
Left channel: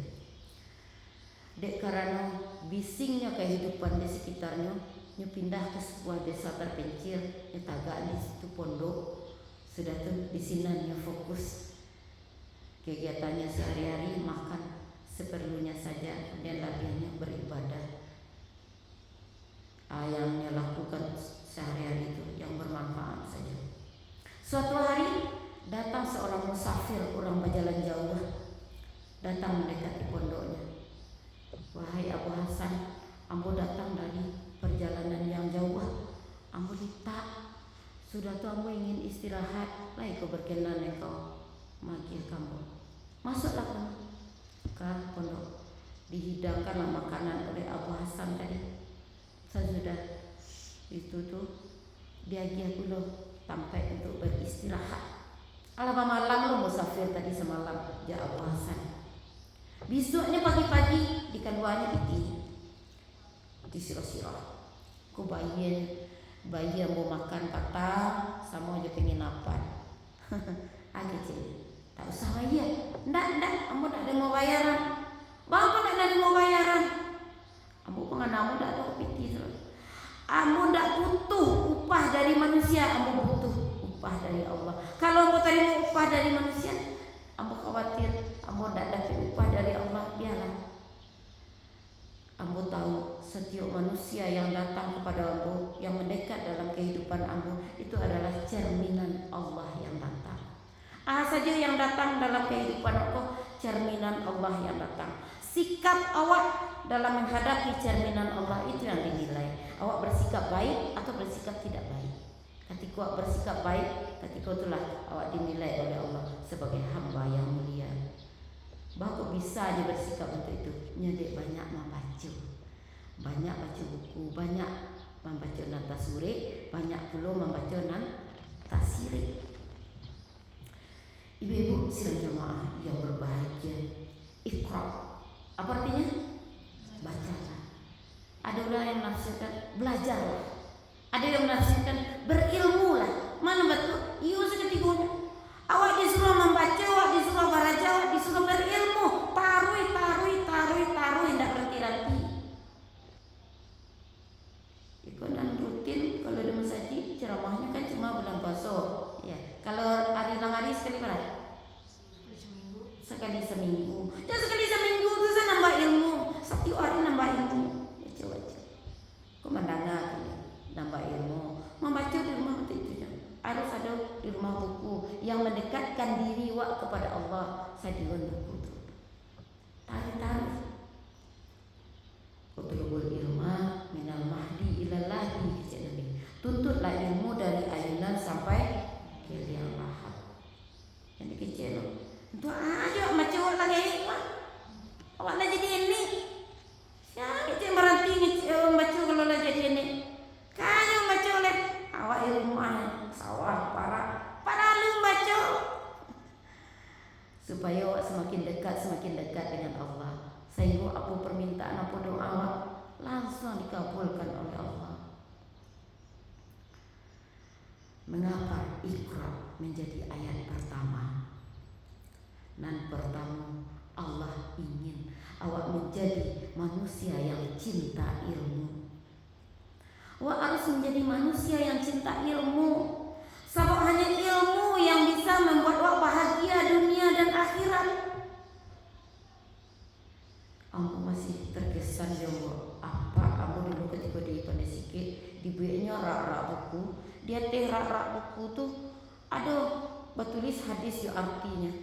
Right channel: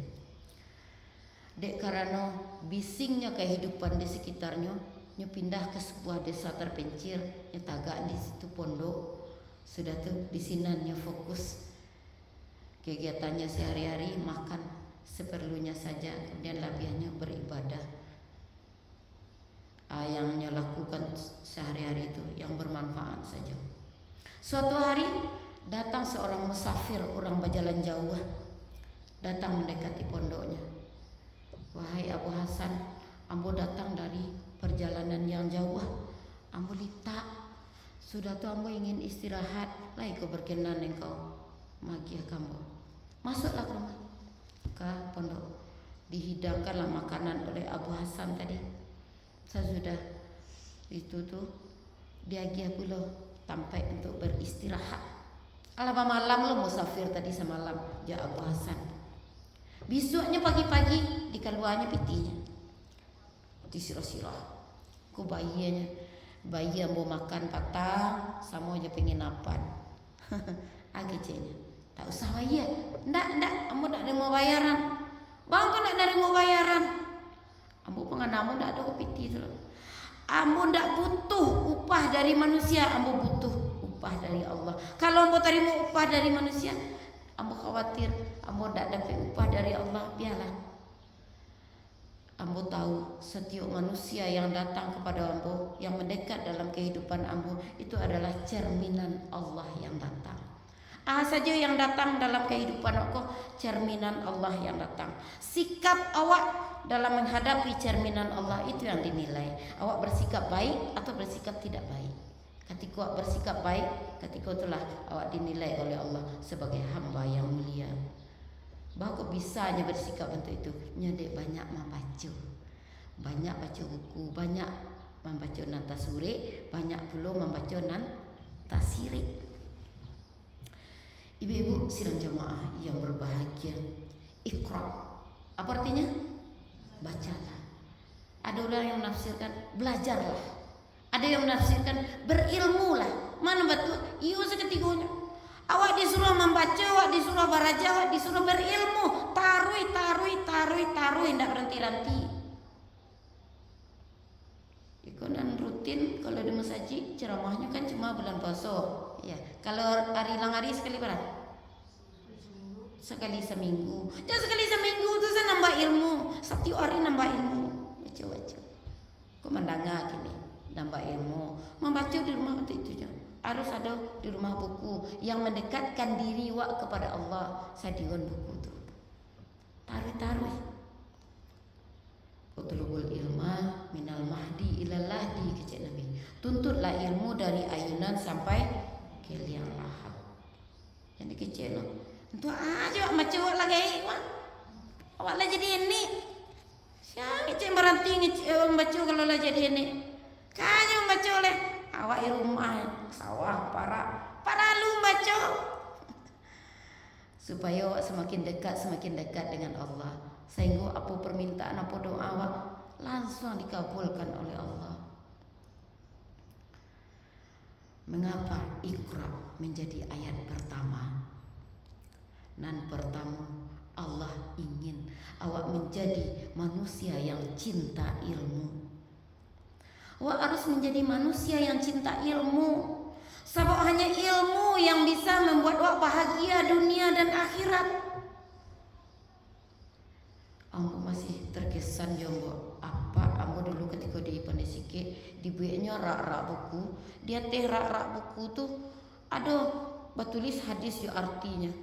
Dek karena bisingnya kehidupan di sekitarnya, dia pindah ke sebuah desa terpencil, dia tagak di situ pondok. Sudah tu di sini fokus kegiatannya sehari-hari, makan seperlunya saja dan lebihnya beribadah. Yang lakukan sehari-hari itu yang bermanfaat saja. Suatu hari datang seorang musafir, orang berjalan jauh, datang mendekati pondoknya. Wahai Abu Hasan, ambo datang dari perjalanan yang jauh, ambo litak. Sudah tu ambo ingin istirahat, lai keberkenan engkau magi kamu. Masuklah kamu ke pondok. dihidangkanlah makanan oleh Abu Hasan tadi. Sesudah itu tuh dia pula sampai untuk beristirahat. Alaba malam lo musafir tadi semalam dia Abu Hasan. Besoknya pagi-pagi dikeluarnya pitinya. Disirah-sirah. Ku bayi yang mau makan kata sama aja pengen napan. Kecilnya. Tak usah bayar. Ndak, kamu tak ada mau bayaran. Bang kan tak ada mau bayaran. Kamu penganamu tak ada piti tu. Kamu tak butuh upah dari manusia, kamu butuh upah dari Allah. Kalau kamu terima upah dari manusia, kamu khawatir kamu tak dapat upah dari Allah, biarlah. Kamu tahu setiap manusia yang datang kepada kamu, yang mendekat dalam kehidupan kamu, itu adalah cerminan Allah yang datang. Saja yang datang dalam kehidupan aku, cerminan Allah yang datang. Sikap awak dalam menghadapi cerminan Allah itu yang dinilai. Awak bersikap baik atau bersikap tidak baik. Ketika awak bersikap baik, ketika itulah awak dinilai oleh Allah sebagai hamba yang mulia. Bahawa bisanya bersikap untuk itu. Nyedek banyak membaca. Banyak baca buku, banyak membaca tasawuf, banyak pula membaca tafsir. Ibu-ibu sidang jamaah yang berbahagia, Iqra. Apa artinya? Bacalah. Ada orang yang menafsirkan belajarlah. Ada yang menafsirkan berilmulah. Mana betul? Iya seketiganya. Awak disuruh membaca, awak disuruh beraja, awak disuruh berilmu. Taruh, tidak berhenti-henti. Ikut dan rutin kalau di masjid ceramahnya kan cuma bulan puasa. Ya, kalau hari sekali berapa? Sekali seminggu. Dan sekali seminggu itu saya nambah ilmu. Setiap hari nambah ilmu. Baca. Kemandangan ini nambah ilmu. Membaca di rumah itu je. Harus ada di rumah buku yang mendekatkan diri awak kepada Allah. Saya dengan buku itu. Tarik. Utlubul ilma minal mahdi ilal lahdi, kata Nabi. Tuntutlah ilmu dari ayunan sampai ke liang lahat. Yang dikecil. Untuk aja macam awak lagi. Awak lah jadi ini. Siapa yang berhenti baca kalau lah jadi ini? Kan yang baca oleh awak ilmu sawah para lu baca. Supaya awak semakin dekat dengan Allah. Sehingga apa permintaan, apa doa awak langsung dikabulkan oleh Allah. Mengapa Iqra menjadi ayat pertama? Dan pertama, Allah ingin awak menjadi manusia yang cinta ilmu. Awak harus menjadi manusia yang cinta ilmu. Sebab hanya ilmu yang bisa membuat awak bahagia dunia dan akhirat. Aku masih terkesan jauh apa aku dulu ketika di pandai sikit dibuatnya rak-rak buku. Dia rak-rak buku tuh ada bertulis hadis yang artinya.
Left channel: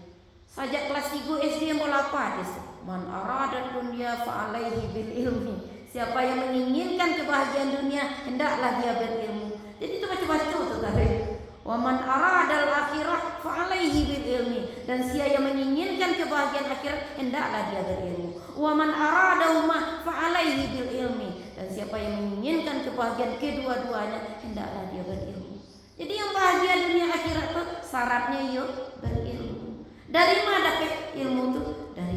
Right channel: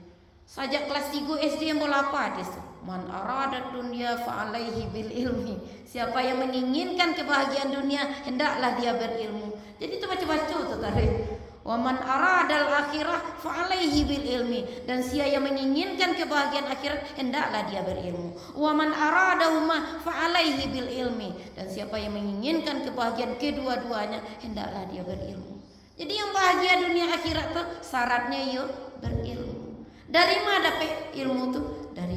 Sajak kelas 3 SD yang bola apa hadis? Man arada dunia fa'alaihi bil ilmi. Siapa yang menginginkan kebahagiaan dunia, hendaklah dia berilmu. Jadi itu baca-baca tuh tadi. Wa man aradal akhirah fa'alaihi bil ilmi. Dan siapa yang menginginkan kebahagiaan akhirat, hendaklah dia berilmu. Wa man aradahuma fa'alaihi bil ilmi. Dan siapa yang menginginkan kebahagiaan kedua-duanya, hendaklah dia berilmu. Jadi yang bahagia dunia akhirat tuh syaratnya yuk berilmu. Dari mana dapat ilmu itu? Dari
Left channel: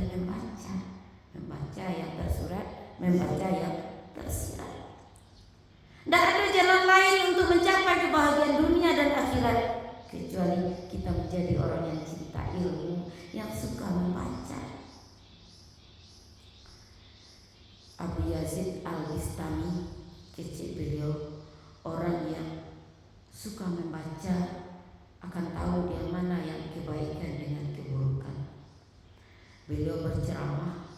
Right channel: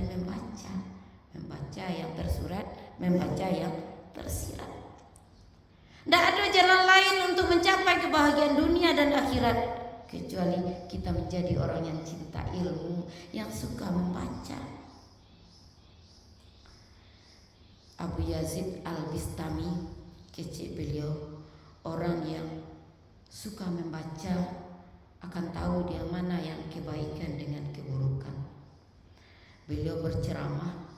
membaca yang tersurat, membaca yang tersirat. Tidak ada jalan lain untuk mencapai kebahagiaan dunia dan akhirat kecuali kita menjadi orang yang cinta ilmu, yang suka membaca. Abu Yazid Al-Bistami, kecil beliau, orang yang suka membaca akan tahu dia mana yang kebaikan dengan keburukan. Beliau berceramah,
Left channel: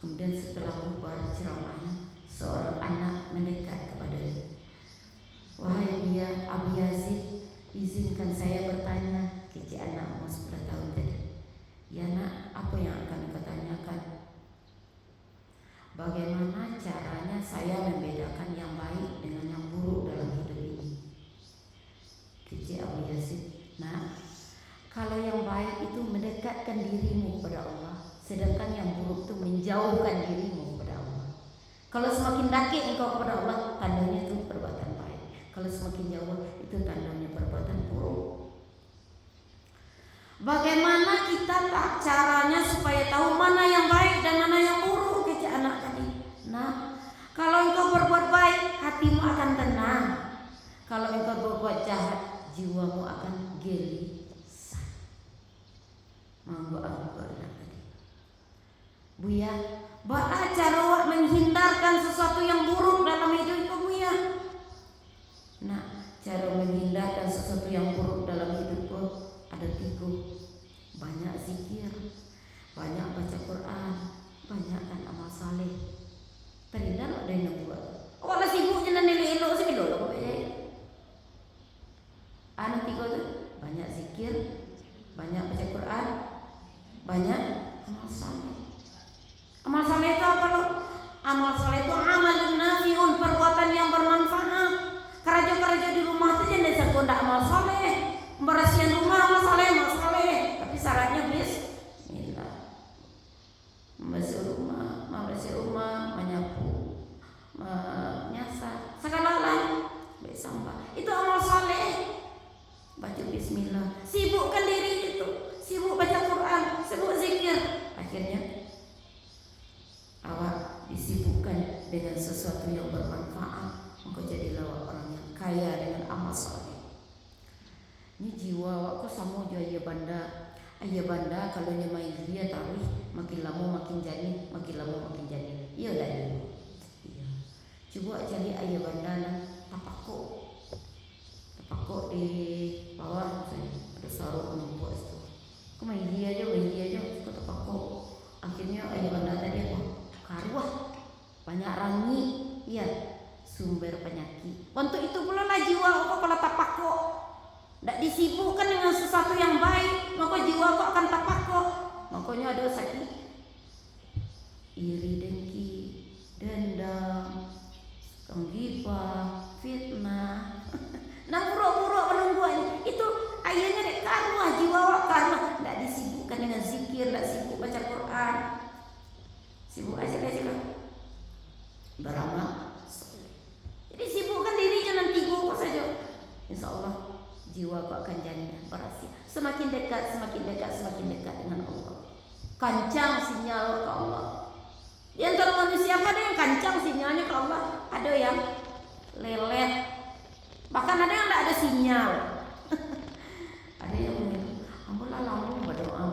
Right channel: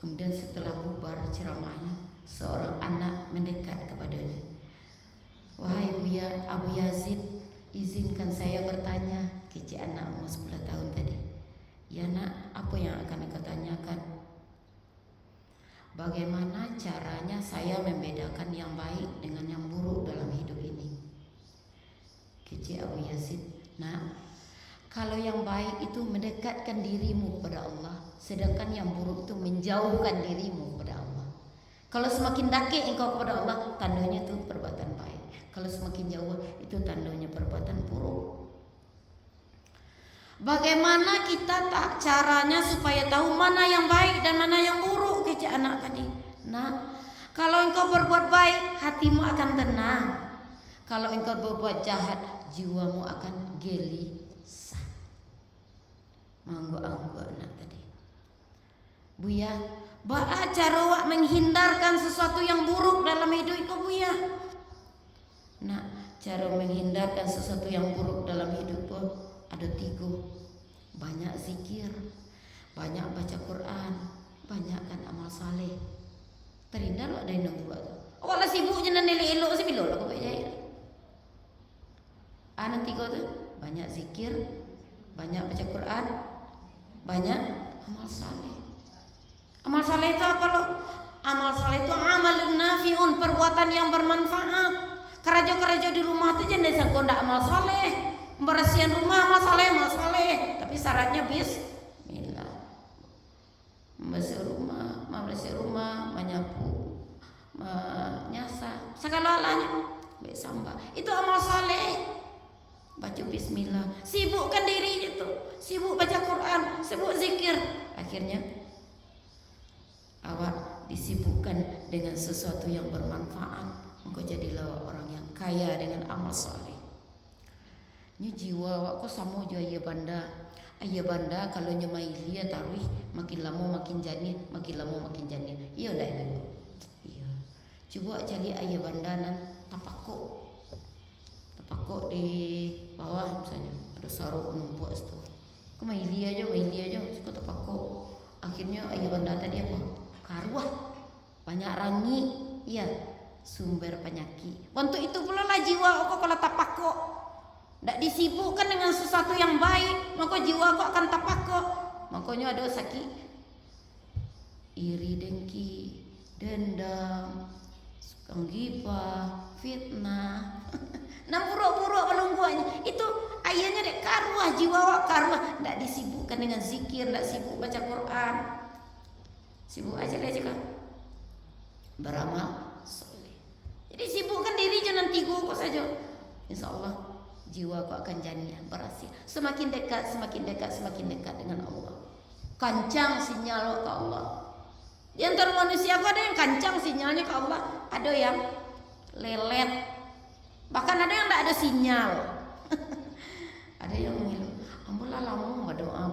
kemudian setelah bubar ceramahnya, seorang anak mendekat kepadanya. Wahai Abu Yazid, izinkan saya bertanya. Kecil anak umur 10 tahun tadi. Ya nak, apa yang akan engkau tanyakan? Bagaimana caranya saya membedakan yang baik dengan yang buruk dalam hidup ini? Kecil Abu Yazid, nah, kalau yang baik itu mendekatkan dirimu kepada Allah, Sedangkan yang buruk itu menjauhkan dirimu kepada Allah. Kalau semakin dekat engkau kepada Allah, tandanya itu perbuatan baik. Kalau semakin jauh, itu tandanya perbuatan buruk. Bagaimana kita tak caranya supaya tahu mana yang baik dan mana yang buruk, kecik anak tadi. Nah, kalau engkau berbuat baik, hatimu akan tenang. Kalau engkau berbuat jahat, jiwamu akan gelisah. Manggo-anggo anak tadi. Buya, bagaimana cara awak menghindarkan sesuatu yang buruk dalam hidup kau, Buya? Nah, cara menghindarkan sesuatu yang buruk dalam hidup kau ada 3. Banyak zikir, banyak baca Quran, banyakkan amal saleh. Terindah ada yang buat. Awak lah sibuk je nak elok sih bila kau buat jahit. Anu 3 tu, banyak zikir, banyak baca Quran, banyak amal saleh. Amal saleh itu apa loh? Amal saleh itu amalun nafiun, perbuatan yang bermanfaat. Keraja-keraja di rumah itu jangan sangka ndak amal saleh. Membersihan rumah amal saleh, tapi syaratnya bismillah. Membersih rumah, menyapu, menyasar, segala-galanya. Sampah. Itu amal saleh. Baca bismillah, sibukkan diri itu, sibuk baca Quran, sibuk zikir. Akhirnya awak disibukkan dengan sesuatu yang bermanfaat, engkau jadilah orang yang kaya dengan amal saleh. Ini jiwa awak kau sama je ayah banda. Ayah banda kalau nyamai dia tarikh makin lama makin jani, makin lama makin jani. Iyalah ini. Iya. Coba cari ayah banda nan tapakok di bawah misalnya ada saruk numpuk situ. Kau main dia aja, suka tapakok. Akhirnya ayah banda tadi apa? Karuah, banyak rangi, iya, sumber penyakit. Untuk itu pula lah jiwa kau kalau tapakok, tidak disibukkan dengan sesuatu yang baik, maka jiwa kau akan tapakok. Makanya ada sakit, iri, dengki, dendam, ghibah, fitnah. Nah buruk-buruk penungguannya itu ayahnya dek karuah, jiwa kau karuah, tidak disibukkan dengan zikir, tidak sibuk baca Quran. Sibuk aja kan beramal soleh. Jadi sibukkan diri jangan 3 kok saja. Insya Allah jiwa kau akan jadi berhasil. Semakin dekat dengan Allah. Kancang sinyal ke Allah. Di antara manusia ada yang kancang sinyalnya ke Allah, ada yang lelet. Bahkan ada yang tidak ada sinyal. Ada yang menghilang. Amulah lama berdoa.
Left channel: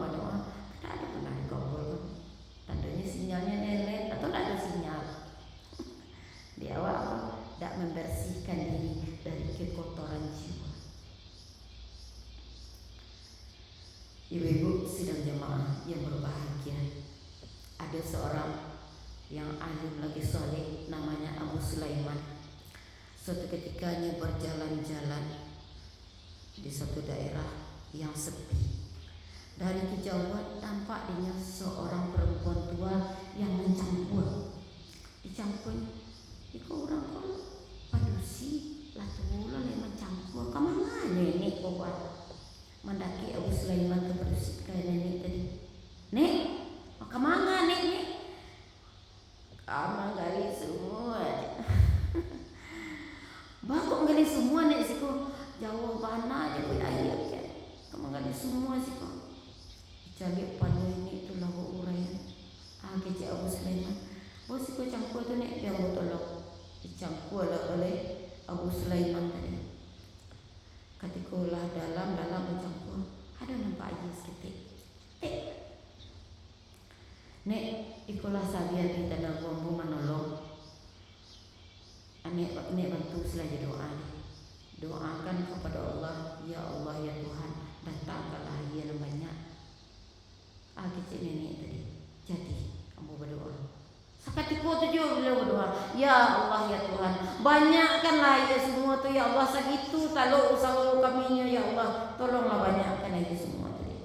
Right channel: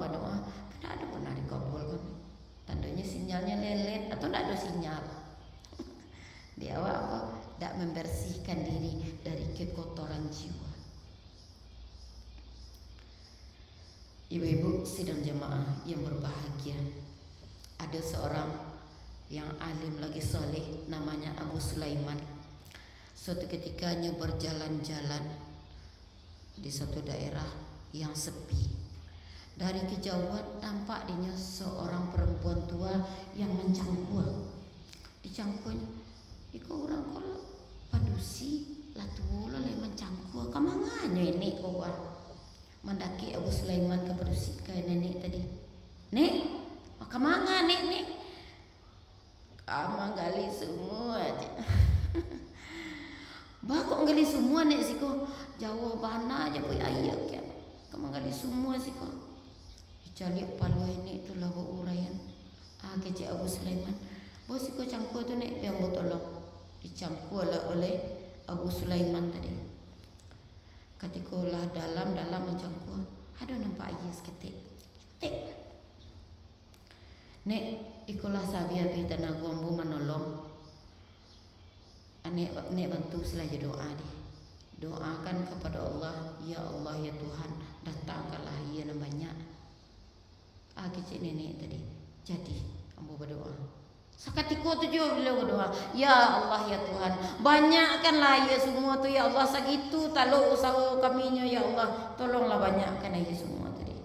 Tidak ada pernah dikabulkan. Tandanya sinyalnya lelet atau tidak ada sinyal. Di awal tu tidak membersihkan diri dari kekotoran jiwa. Ibu-ibu sidang jemaah yang berbahagia, ada seorang yang alim lagi soleh namanya Abu Sulaiman. Suatu ketikanya berjalan-jalan di suatu daerah yang sepi. Dari kejauhan nampak dia seorang perempuan tua yang mencangkul. Dicangkul, ikut orang kau padusi lah tu lah yang mencangkul. Kemana ini kau buat? Mendaki Abu Sulaiman ke padusi ke nenek tadi. Nek, kemana nek? Kamu gali semua aja. Bakok gali semua nek siku. Jauh mana aja kau ayat ke? Kamu gali semua siku. Cari pada ini tu lahu urayan. Kecik Abu Sulaiman. Bos siku cangkul tu nek biar betul dicangkul oleh Abu Sulaiman tadi. Ketika lah dalam mencangkul, ada nampak aja seketik. Nek ikulah sabian kita nak buang menolong. Nek bantu selaja doa dia. Doakan kepada Allah, ya Allah ya Tuhan, datangkanlah ia banyak. Kecil nenek tadi. Jadi ambo berdoa. Seketika tu juga beliau berdoa, ya Allah ya Tuhan, banyakkanlah ya semua tu ya Allah, segitu kalau usaha kaminya ya Allah, tolonglah banyakkan aja semua tadi.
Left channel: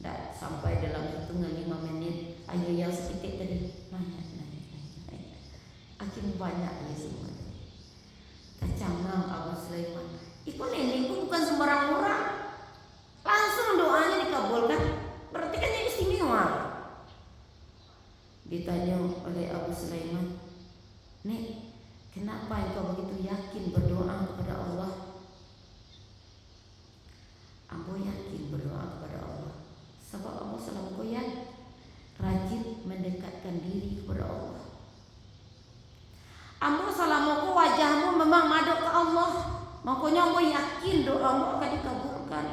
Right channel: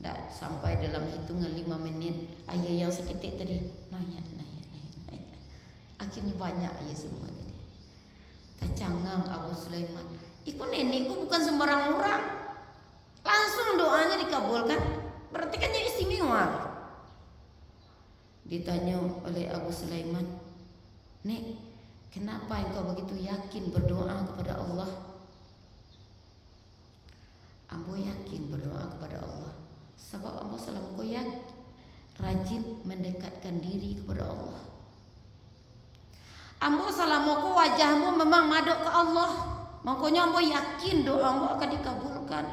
Dan sampai dalam hitungan 5 menit, ayah yang seketik tadi nanya. Akhirnya banyak aja semua tadi. Kecangang Abu Sulaiman. Ikut nenekku bukan sembarang orang. Langsung doanya dikabulkan. Berarti kan dia istimewa. Ditanya oleh Abu Sulaiman, "Nek, kenapa engkau begitu yakin berdoa kepada Allah?" Ambo yakin berdoa kepada Allah sebab ambo selalu goyang rajin mendekatkan diri kepada Allah. Ambo selama wajahmu memang madok ke Allah, makanya ambo yakin doamu akan dikabulkan.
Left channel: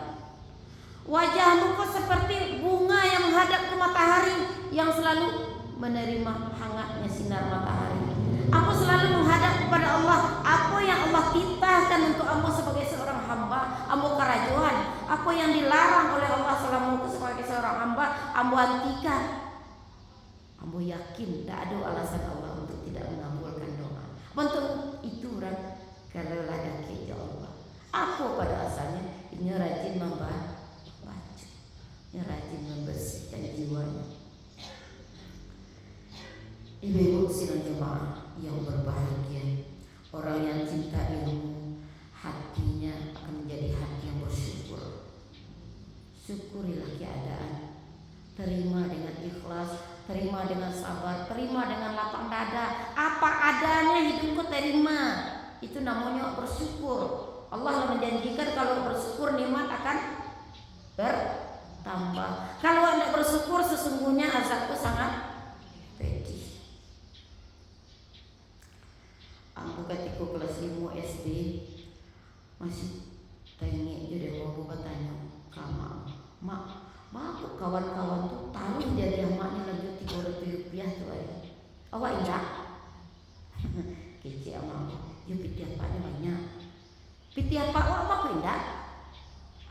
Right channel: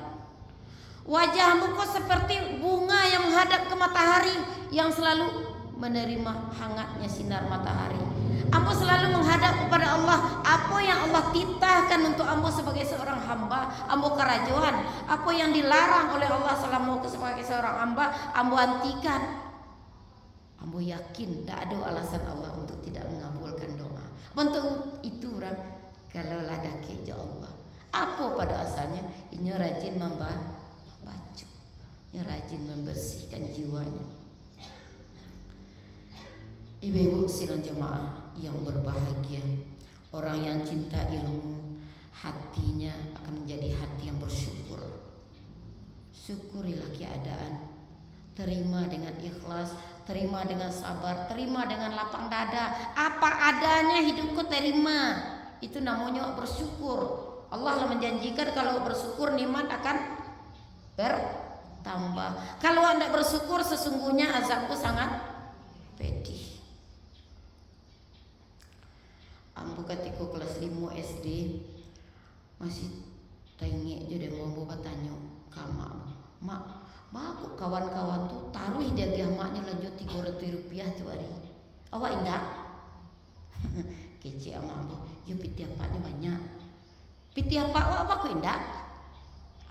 Wajahmu kok seperti bunga yang menghadap ke matahari, yang selalu menerima hangatnya sinar matahari. Ambo selalu menghadap kepada Allah. Apa yang Allah titahkan untuk ambo sebagai seorang hamba, ambo kerajuan. Apa yang dilarang oleh Allah selama sebagai seorang hamba, ambo hentikan. Ambo yakin tak ada alasan Allah untuk tidak mengabulkan doa. Bentuk itu orang kalau ada keja Allah. Apa pada asalnya? Ini rajin membaca, ini rajin membersihkan jiwanya. Ibu-ibu sidang jemaah yang berbahagia, orang yang cinta ilmu, hatinya akan menjadi hati yang bersyukur. Syukurilah keadaan, terima dengan ikhlas, terima dengan sabar, terima dengan lapang dada. Apa adanya hidupku terima. Itu namanya bersyukur. Allah yang menjanjikan kalau bersyukur nikmat akan bertambah. Kalau anda bersyukur sesungguhnya azabku sangat pedih. Ambo ketika kelas 5 SD masih tengik je dia mau bertanya sama mak, aku kawan-kawan tu taruh dia mak ni lanjut Rp300 tu hari. Awak ingat? Kecik amak, you piti apa ni banyak. Piti apa awak aku ingat?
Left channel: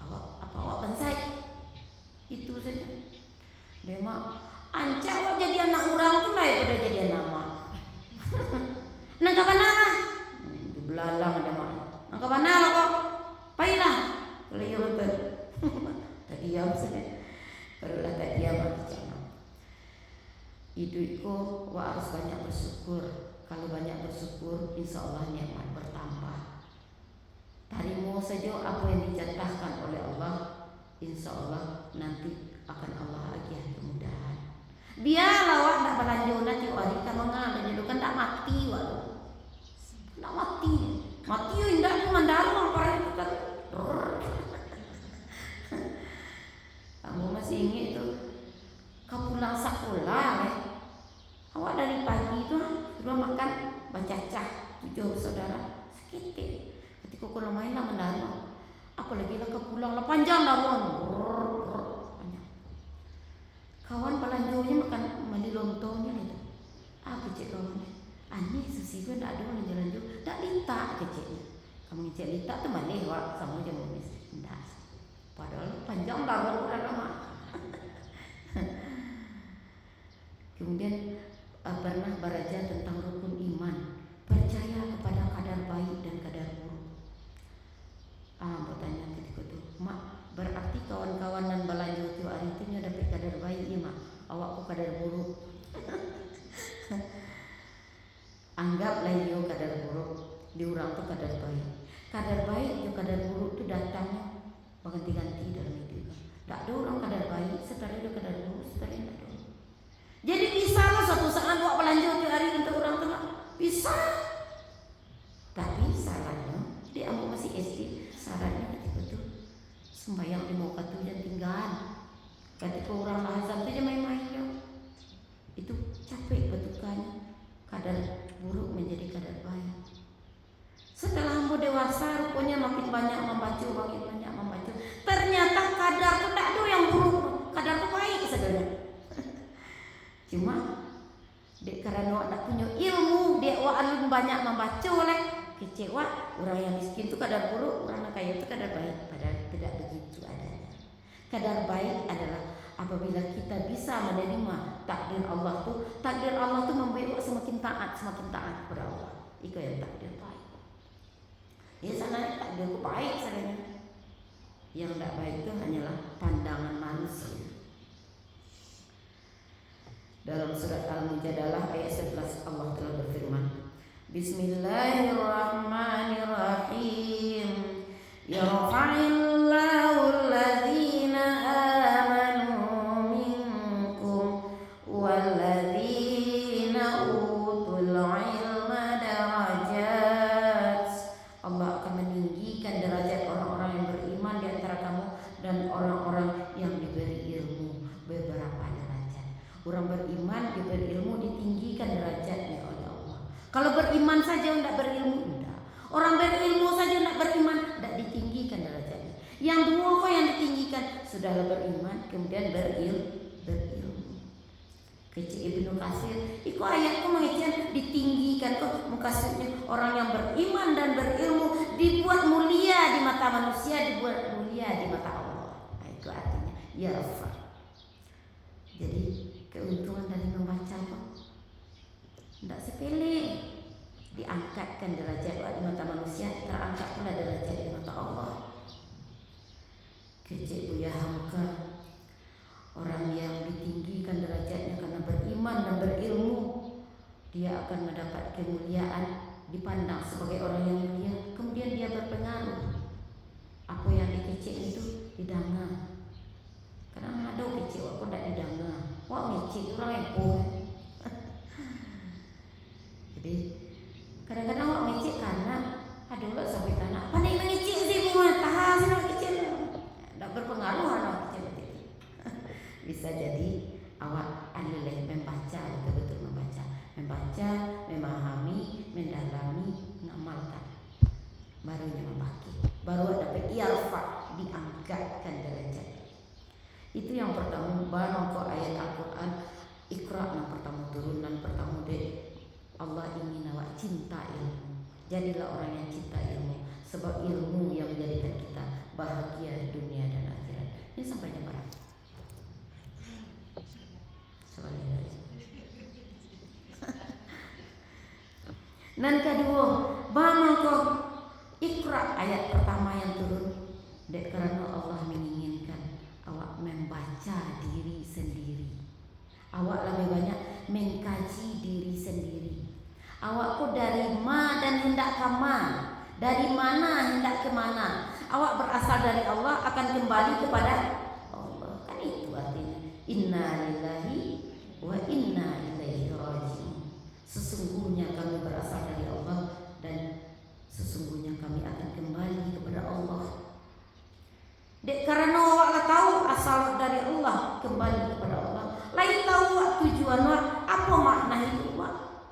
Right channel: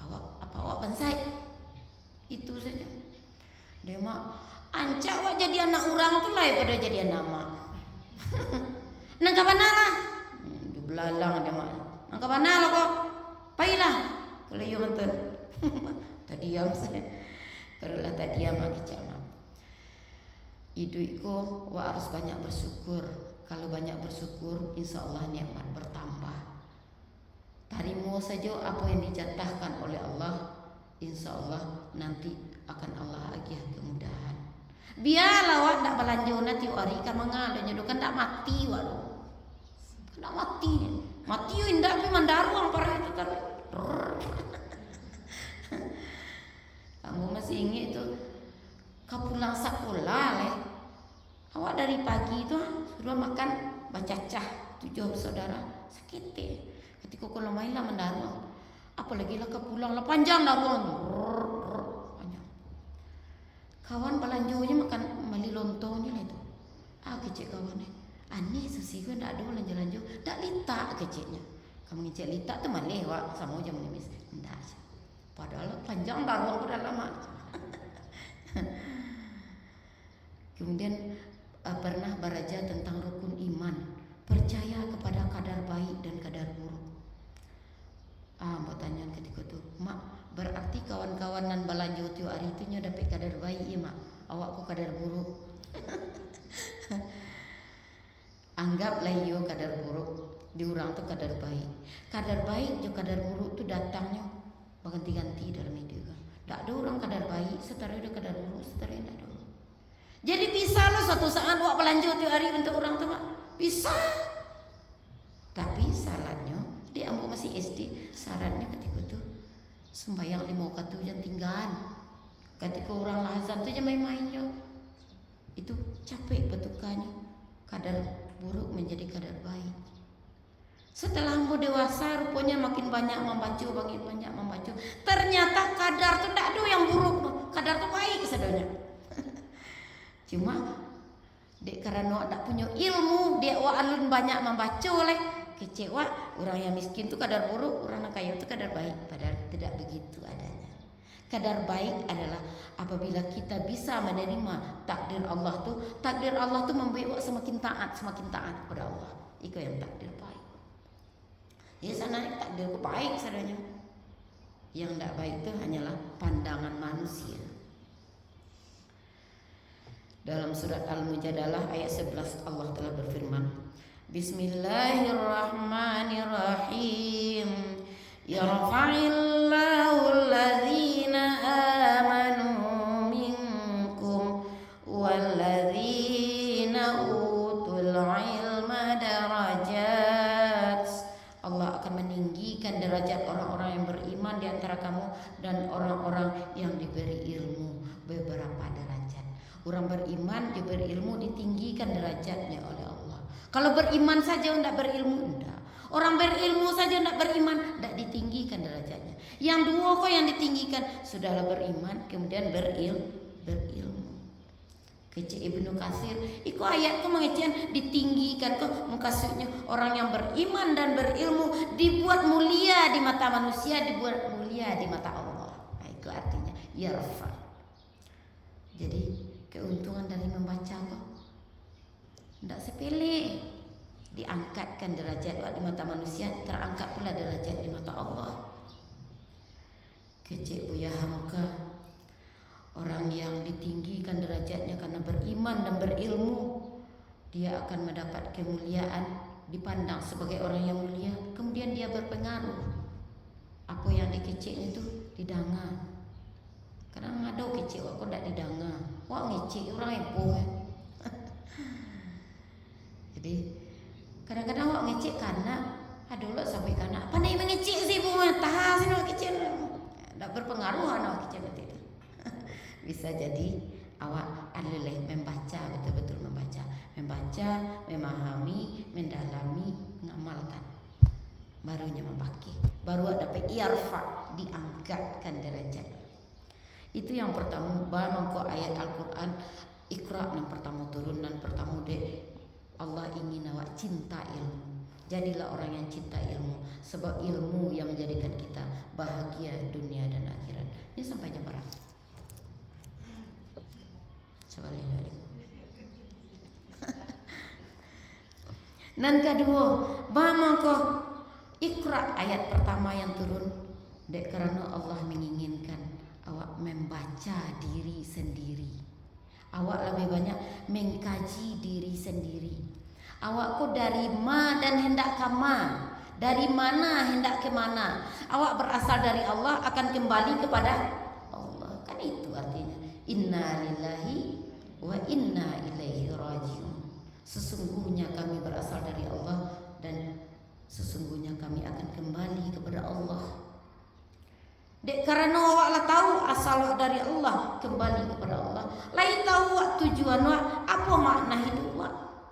Awak pensai? Itu saja. Dia mak, anca awak jadi anak orang tu lah daripada jadi anak mak. Nak ke mana lah? Belalang ada mak. Nak ke mana lah kok? Pailah. Kalau you betul. Tak diam saja. Kalau lah tak diam lagi jangan. Hidupku wah harus banyak bersyukur. Kalau banyak bersyukur, insya Allah nikmat bertambah. Tarimu saja apa yang dijatahkan oleh Allah, insya Allah nanti akan Allah agiah kemudahan. Biarlah wak nak belanja nanti hari kan mengalah kan tak mati wak. Tak mati. Mati indah pun mandaru para itu kan. Kamu masih ingat tu kau pulang sekolah awak dari pagi tu sudah makan bacacah 7 saudara sakit ketika kau main lah mendaru apalagi lah kau pulang lah panjang lah kawan belanjanya makan mali lontongnya itu kecil kawan ni aneh sesiga tak ada lanjut tak litak kecilnya kamu ngecek litak tu malih wak sama je menulis tidak padahal panjang dah udah lama. Kemudian pernah belajar tentang rukun iman, percaya kepada kadar baik dan kadar buruk. Bertanya ketika itu, mak berarti kawan-kawan dan belanja tu hari itu nya dapat kadar baik ya mak, awakku kadar buruk. Anggaplah yo kadar buruk, diurang tu kadar baik. Kadar baik dan kadar buruk tu datangnya berganti-ganti dalam hidup. Tak ada orang kadar baik, setara ada kadar buruk, setara tak ada. Jadi bisa lah suatu saat awak belanja tiap hari untuk orang tua. Bisa. Tapi sarannya, dia ambil masih SD, sarannya ketika itu sembahyang 5 waktu jangan tinggal. Ketika orang azan tu jangan main-main je. Itu capek petukannya. Kadar buruk menjadi kadar baik. Setelah ambo dewasa, rupanya makin banyak membaca. Ternyata kadar tu tak ada yang buruk, kadar tu baik sebenarnya. Cuma dek karena tak punya ilmu, dia alim banyak membaca oleh kecewa orang yang miskin tu kadar buruk, orang yang kaya tu kadar baik. Padahal tidak begitu adanya. Kadar baik adalah apabila kita bisa menerima takdir Allah tu membuat semakin taat kepada Allah. Itu yang takdir baik. Dia sangat takdir baik sebenarnya. Yang tidak baik itu hanyalah pandangan manusia. Dalam surat Al-Mujadalah ayat 11 Allah telah berfirman, Bismillahirrahmanirrahim. Yarfa'illahu alladhina amanu minkum walladhina Kalau beriman saja tidak berilmu, tidak. Orang berilmu saja tidak beriman, tidak ditinggikan derajatnya. Yang dua kok yang ditinggikan, sudahlah beriman, kemudian berilmu. Kecil Ibnu Katsir, itu ayatku mengajian ditinggikan tuh, maksudnya orang yang beriman dan berilmu dibuat mulia di mata manusia, dibuat mulia di mata Allah. Nah, itu artinya ya. Jadi keuntungan dari membaca tidak sepele, diangkatkan derajat di mata manusia, terangkat pula derajat di mata Allah. Kecil Buya Hamka, orang yang ditinggikan derajatnya karena beriman dan berilmu, dia akan mendapat kemuliaan, dipandang sebagai orang yang mulia, kemudian dia berpengaruh. Apa yang dikecil itu didengar. Kadang ada kecil aku tidak didengar. Wah ngecil orang yang jadi kadang-kadang orang ngecil karena ada orang sampai karena apa nih mengecil sih bunga tahan sih orang kecil, tidak berpengaruh orang kecil itu. Bisa jadi awak alileh membaca, betul-betul membaca, memahami, mendalami, mengamalkan, barunya membagi, baru dapat ilfa, diangkatkan derajat. Itu yang pertama, baru ayat Al-Quran Iqra yang pertama turunan pertama deh. Allah ingin awak cinta ilmu. Jadilah orang yang cinta ilmu, sebab ilmu yang menjadikan kita bahagia dunia dan akhirat. Ini sampai jam berapa? Dan kedua, bangun kau Iqra ayat pertama yang turun. Dek kerana Allah menginginkan awak membaca diri sendiri. Awak lebih banyak mengkaji diri sendiri. Awak kau dari ma dan hendak ke ma, dari mana hendak ke mana. Awak berasal dari Allah, akan kembali kepada Allah. Kan itu artinya inna lillahi wa inna ilaihi raji'un. Sesungguhnya kami berasal dari Allah dan sesungguhnya kami akan kembali kepada Allah. Dek karena awaklah tahu asal dari Allah, kembali kepada Allah. Lain tahu awak tujuan awak, apa makna hidup awak.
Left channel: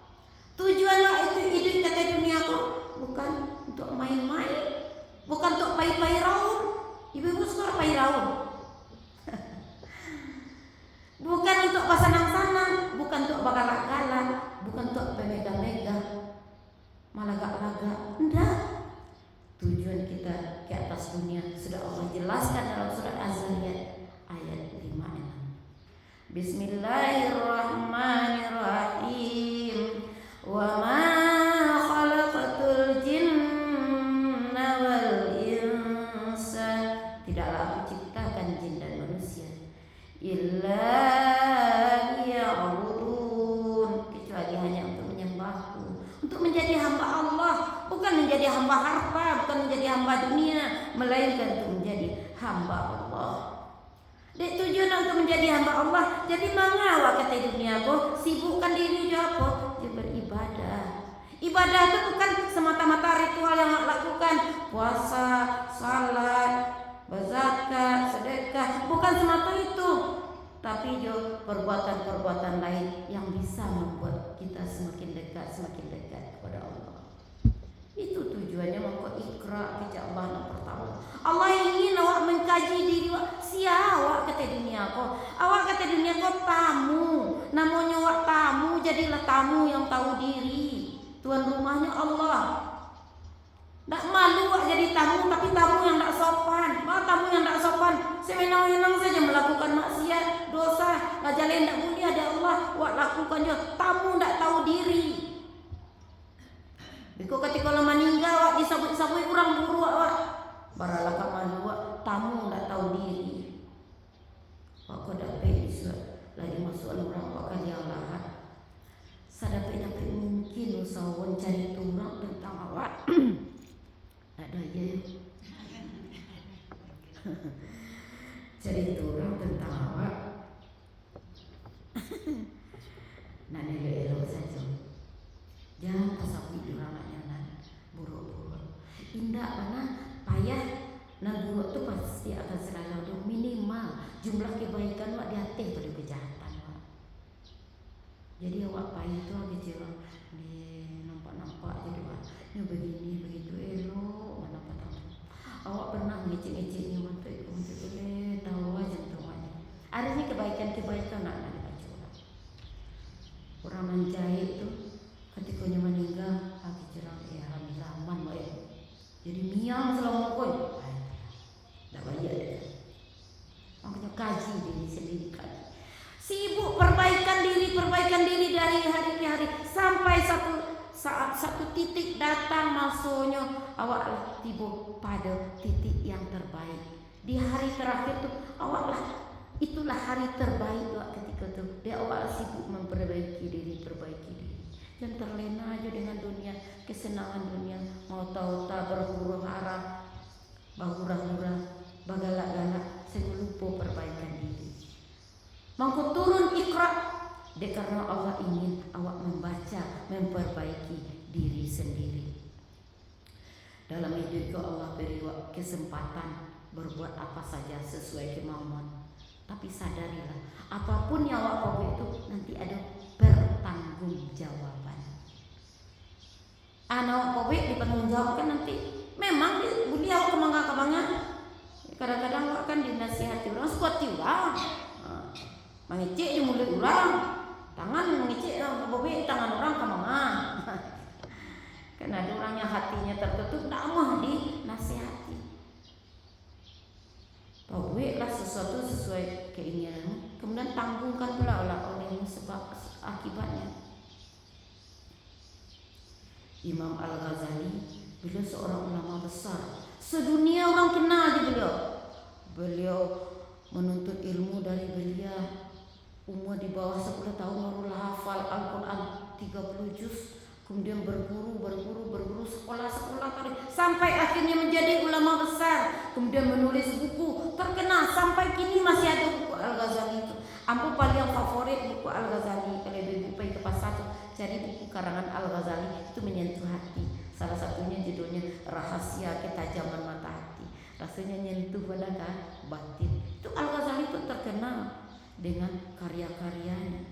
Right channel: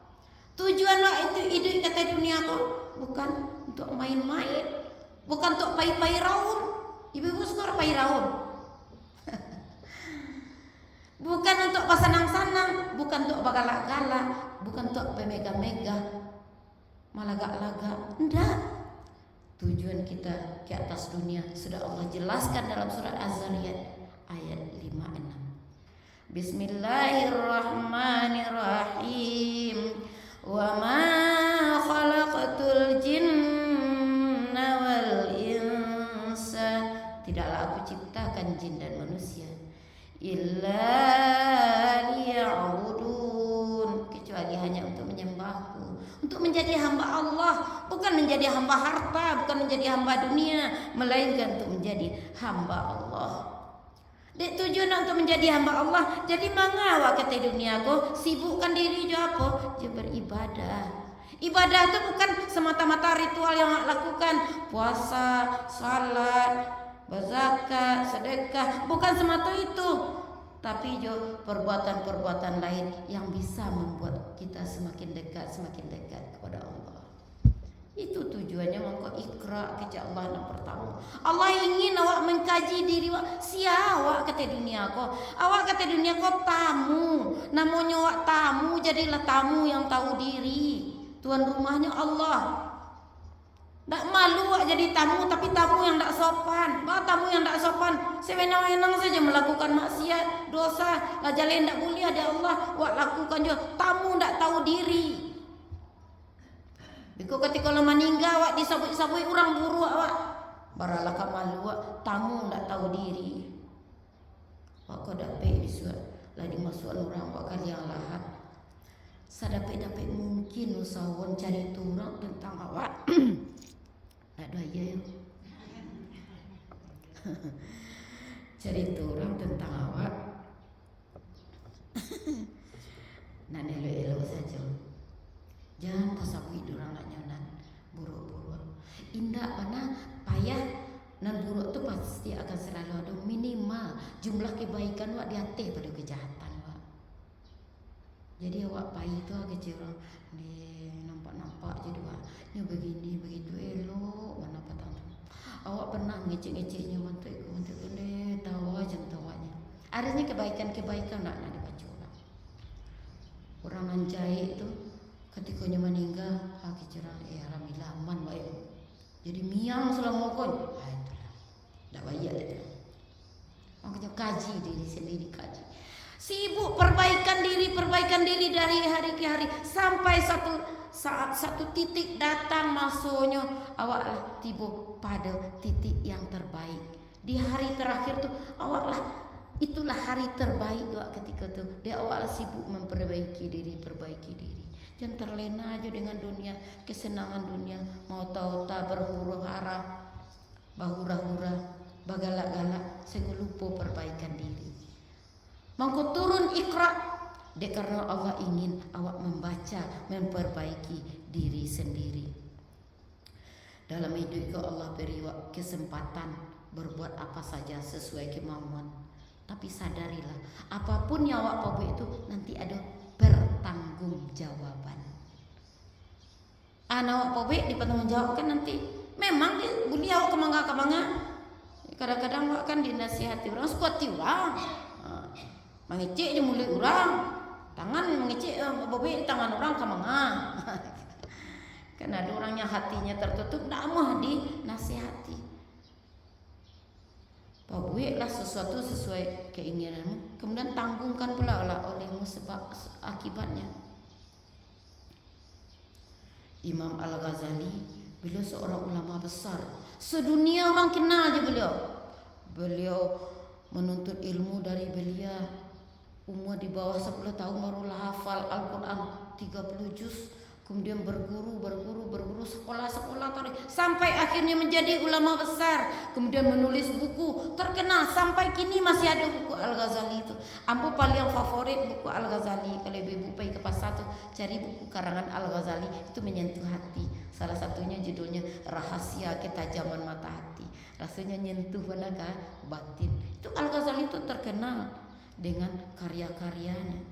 Tujuan awak itu hidup kata dunia aku bukan untuk main-main, bukan untuk pai-pai raun. Ibu suka pai raun. Bukan untuk pasanang-sanang, bukan untuk bagalak-galak, bukan untuk pemega-mega, malagak-lagak. Enggak. Tujuan kita ke atas dunia sudah Allah jelaskan dalam surat Az-Zariyat ayat 5-6. Bismillahirrahmanirrahim. Wa ma khalaqatul jinna wal insa, tidaklah aku ciptakan jin dan manusia illa liya'budun, kecuali hanya untuk menyembahku, untuk menjadi hamba Allah, bukan menjadi hamba harta, bukan menjadi hamba dunia, melainkan untuk menjadi hamba Allah. Dek tujuan untuk menjadi hamba Allah. Jadi mengawak kata dunia aku sibukkan diri je apa? Je beribadah. Ibadah itu bukan semata-mata ritual yang nak lakukan, puasa, salat, berzakat, sedekah, bukan semata itu. Tapi jo perbuatan-perbuatan lain yang bisa membuat kita semakin dekat kepada Allah. Itu tujuannya maka Iqra kejar Allah yang pertama. Allah ingin awak mengkaji diri awak. Awak kata dunia kau. Awak kata dunia kau tamu. Namanya awak tamu, jadilah tamu yang tahu diri. Tuan rumahnya Allah. Tak malu awak jadi tamu, tapi tamu yang tak sopan. Tamu yang tak sopan, sewenang-wenang saja melakukan maksiat, dosa, ngajalin tak boleh ada Allah. Awak lakukan je. Tamu tak tahu diri. Biko ketika lo meninggal awak disabui-sabui orang buruk awak. Baralah kamu awak tamu tak tahu diri. Awak kau dapat disuat lagi masuk orang awak kali yang lahat. Sadapat mungkin usahawan cari turang tentang awak. Tak ada aja ya. Cari turang tentang awak. Nak elok-elok saja. Jangan pasal hidup anak-anak buruk-buruk. Indah mana payah dan buruk tu pasti akan selalu ada minimal jumlah kebaikan awak di atas pada kejahatan awak. Jadi awak payah tu kecil ni sampai satu titik datang masuknya awak tiba pada titik yang terbaik. Di hari terakhir tuh awak itulah hari terbaik awak ketika tuh. Dia awak sibuk memperbaiki diri, perbaiki diri. Jangan terlena aja dengan dunia, kesenangan dunia. Mau tahu tak berhuru-hara, bahura-hura, bagalak-galak, sehingga lupa perbaikan diri. Mangko turun Iqra. Dek karena Allah ingin awak membaca, memperbaiki diri sendiri. Dalam hidup Allah beri kesempatan berbuat apa saja sesuai kemauan. Tapi sadarilah, apapun yang awak buat itu nanti ada pertanggungjawaban. Anak awak buat dipertanggungjawabkan nanti. Memang beliau kemangga-kemangga. Kadang-kadang awak kan dinasihati orang, sekuati orang. Mengecek di mulut orang. Tangan mengecek bobek tangan orang kemana? Karena ada orang yang hatinya tertutup, tak mau dinasihati. Buatlah sesuatu sesuai keinginan, kemudian tanggungkan pula olehmu sebab akibatnya. Imam Al-Ghazali, beliau seorang ulama besar, sedunia orang kenal dia beliau menuntut ilmu dari belia. Umur di bawah 10 tahun barulah hafal Al-Quran 30 juz. Kemudian berguru sekolah sampai akhirnya menjadi ulama besar. Kemudian menulis buku terkenal sampai kini masih ada buku Al-Ghazali itu. Ampu paling favorit buku Al-Ghazali. Kalau ibu pergi ke pasar tuh cari buku karangan Al-Ghazali, itu menyentuh hati. Salah satunya judulnya Rahasia Ketajaman Mata Hati. Rasanya nyentuh kan batin. Itu Al-Ghazali itu terkenal dengan karya-karyanya.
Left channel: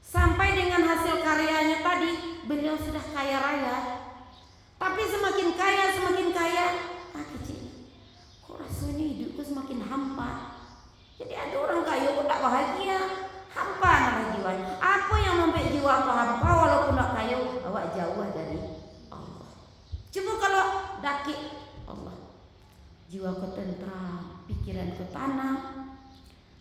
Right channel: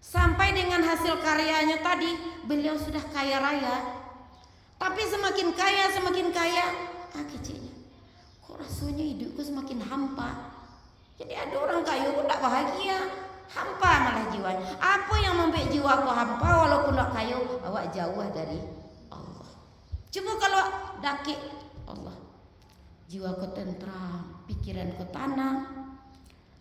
Sampai dengan hasil karyanya tadi beliau sudah kaya raya. Tapi semakin kaya kecil. Kok rasanya hidupku semakin hampa. Jadi ada orang kaya kok tak bahagia, hampa malah jiwanya. Apa yang membuat jiwaku hampa walaupun tak kaya? Awak jauh dari Allah. Cuma kalau dakik Allah, jiwaku tentram, pikiranku tenang.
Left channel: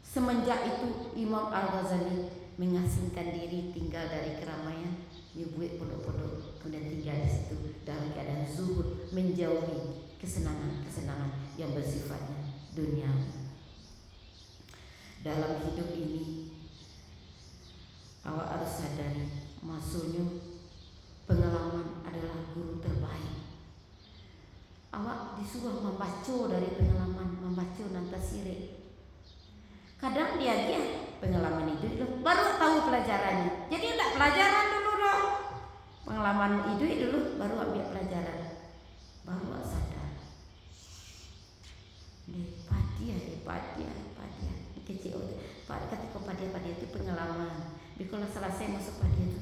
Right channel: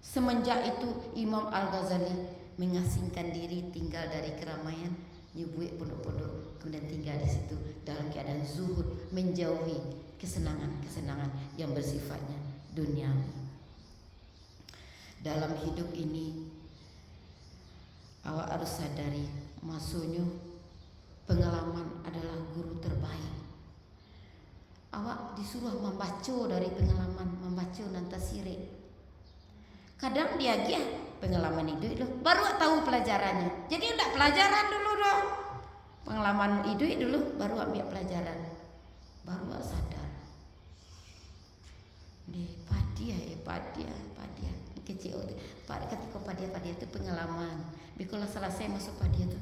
Semenjak itu Imam Al-Ghazali mengasingkan diri, tinggal dari keramaian, nyubuh pondok-pondok, kemudian tinggal di situ dalam keadaan zuhud, menjauhi kesenangan-kesenangan yang bersifatnya duniawi. Dalam hidup ini awak harus sadari, maksudnya pengalaman adalah guru terbaik. Awak disuruh membaca dari pengalaman, membaca nanti sirik. Kadang dia pengalaman hidup dulu, baru tahu pelajarannya. Jadi tak pelajaran dulu dong. Pengalaman hidup dulu, baru ambil pelajaran. Baru sadar. Padia. Kecil. Ketika padia itu pengalaman. Kalau selesai masuk padia itu,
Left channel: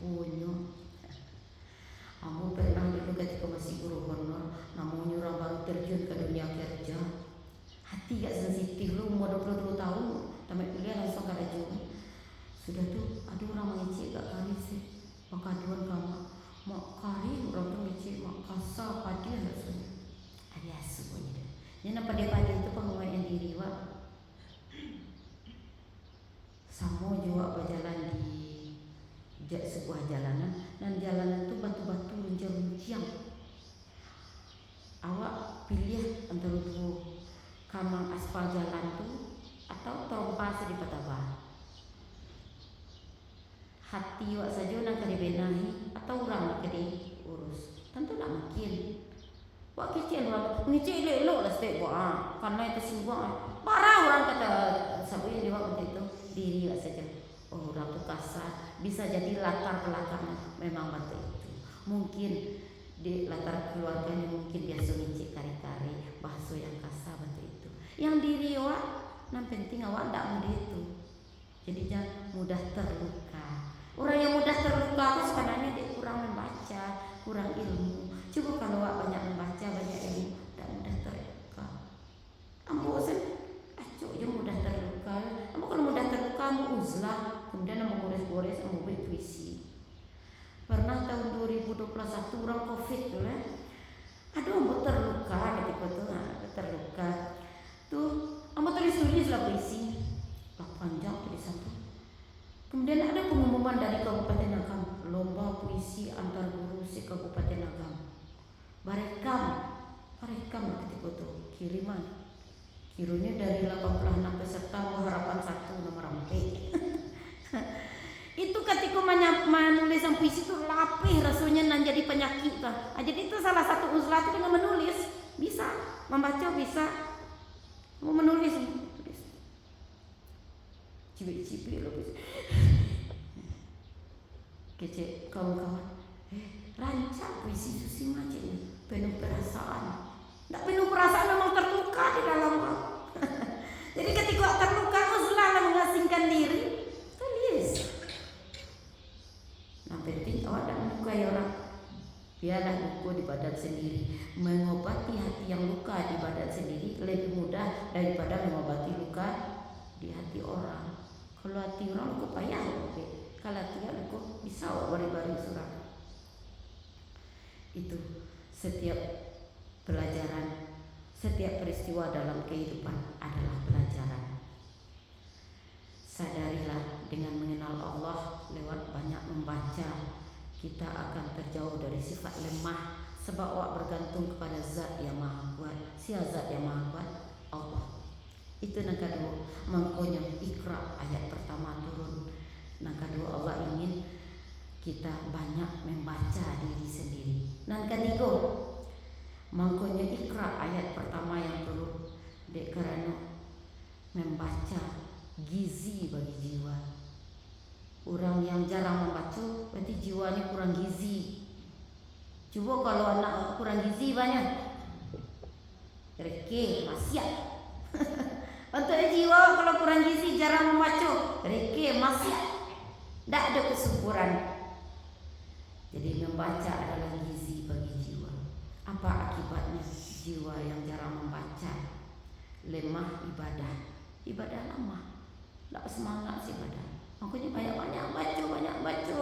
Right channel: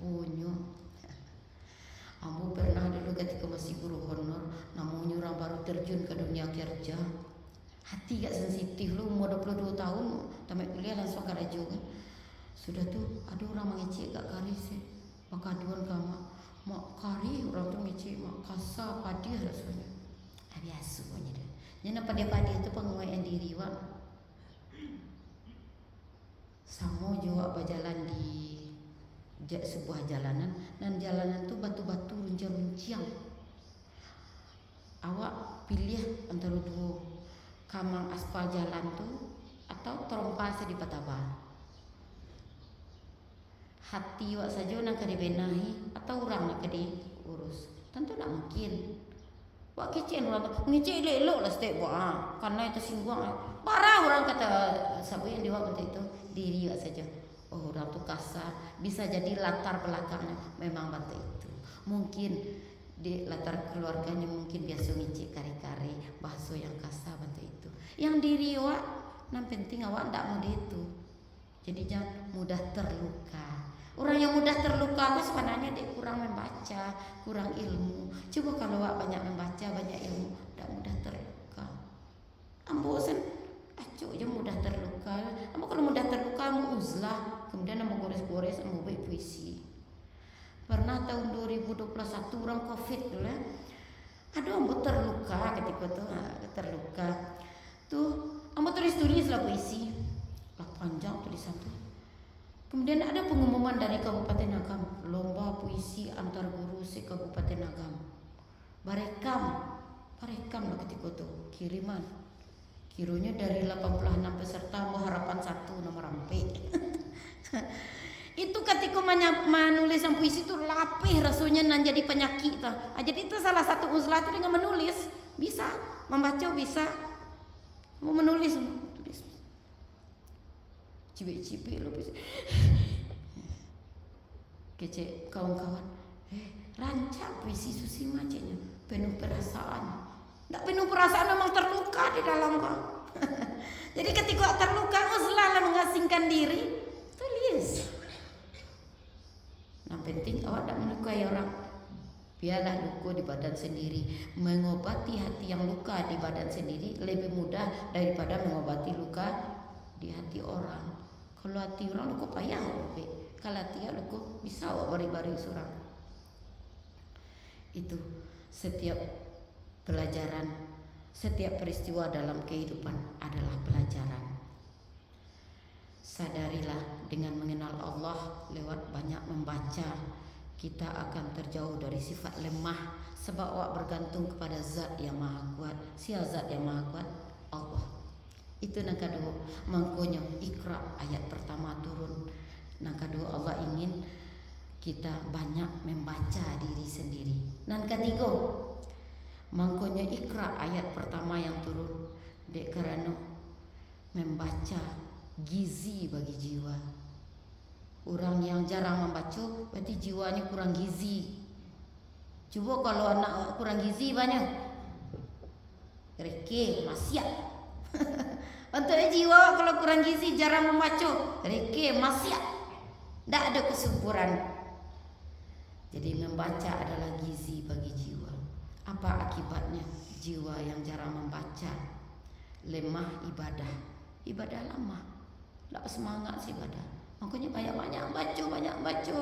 rupanya. Aku pernah dulu ketika masih guru honor, namanya orang baru terjun ke dunia kerja. Hati gak sensitif lu, umur 22 tahun tamat kuliah langsung ke raja. Sudah tuh ada orang mengecek gak kari sih, maka aduan kamu mak kari orang tuh mengecek mak kasar padia rasanya. Biasa punya dia. Jadi padia itu penguaian diri wak. Sama juga berjalan di sebuah jalanan, dan jalanan itu batu-batu runcing-runcing. Awak pilih antara dua, kamu aspal jalan tuh atau terompa di petaba. Hati wak saja nak dibenahi atau orang nak diurus. Tentu tak mungkin. Wak kecil wak ngecek elok lah setiap wak. Karena itu singgung. Parah orang kata sabu yang diwak untuk itu diri wak saja. Oh orang tu kasar. Bisa jadi latar belakangnya memang waktu itu. Mungkin di latar keluarganya mungkin biasa ngecek kari-kari bahasa yang kasar waktu itu. Yang diri awak, yang penting awak tak mudah itu. Jadi jangan mudah terluka. Orang yang mudah terluka itu sebenarnya dia kurang membaca, kurang ilmu. Coba kalau awak banyak membaca, banyak ilmu, tak mudah terluka. Ambo sen, acuk je mudah terluka. Ambo kalau mudah terluka, ambo uzlah, kemudian ambo gores-gores, ambo buat puisi. Pernah tahun 2021 orang COVID tu lah. Aduh, ambo terluka ketika tu, terluka. Tuh, ambo tulis lah puisi. Lah panjang tulisan tu. Kemudian ada pengumuman dari Kabupaten Angkam, tuh kiriman. Kironya dari 86 peserta mau harapan 1 nomor ampe. Itu ketika menulis yang puisi itu lapih rasanya nan jadi penyakit. Jadi itu salah satu uzlah itu dengan menulis. Bisa membaca, bisa mau menulis. Cibik-cibik lo bisa. Kece kawan-kawan. Rancang puisi Susi macamnya penuh perasaan. Tidak penuh perasaan memang terluka di dalam kau. Jadi ketika terluka kau selalu mengasingkan diri. Tulis. Yang penting awak tidak melukai orang. Biarlah luka di badan sendiri. Mengobati hati yang luka di badan sendiri lebih mudah daripada mengobati luka di hati orang. Kalau hati orang luka payah. Kalau hati luka bisa bari-bari surang. Itu setiap pelajaran, setiap peristiwa dalam kehidupan adalah pelajaran. Sadarilah dengan mengenal Allah lewat banyak membaca, kita akan terjauh dari sifat lemah sebab awak bergantung kepada zat yang maha kuat. Siapa zat yang maha kuat? Allah. Itu yang kedua, mengkonyol Iqra ayat pertama turun. Yang kedua, Allah ingin kita banyak membaca diri sendiri. Yang ketiga, mengkonyol Iqra ayat pertama yang turun dek kerana membaca gizi bagi jiwa. Orang yang jarang membaca berarti jiwanya kurang gizi. Coba kalau anak kurang gizi banyak reke maksiat. Untuk jiwa kalau kurang gizi jarang membaca reke maksiat. Tak ada kesuburan. Jadi membaca adalah gizi bagi jiwa. Apa akibatnya jiwa yang jarang membaca? Lemah ibadah. Ibadah lemah. Tak semangat ibadah. Makanya banyak-banyak baca.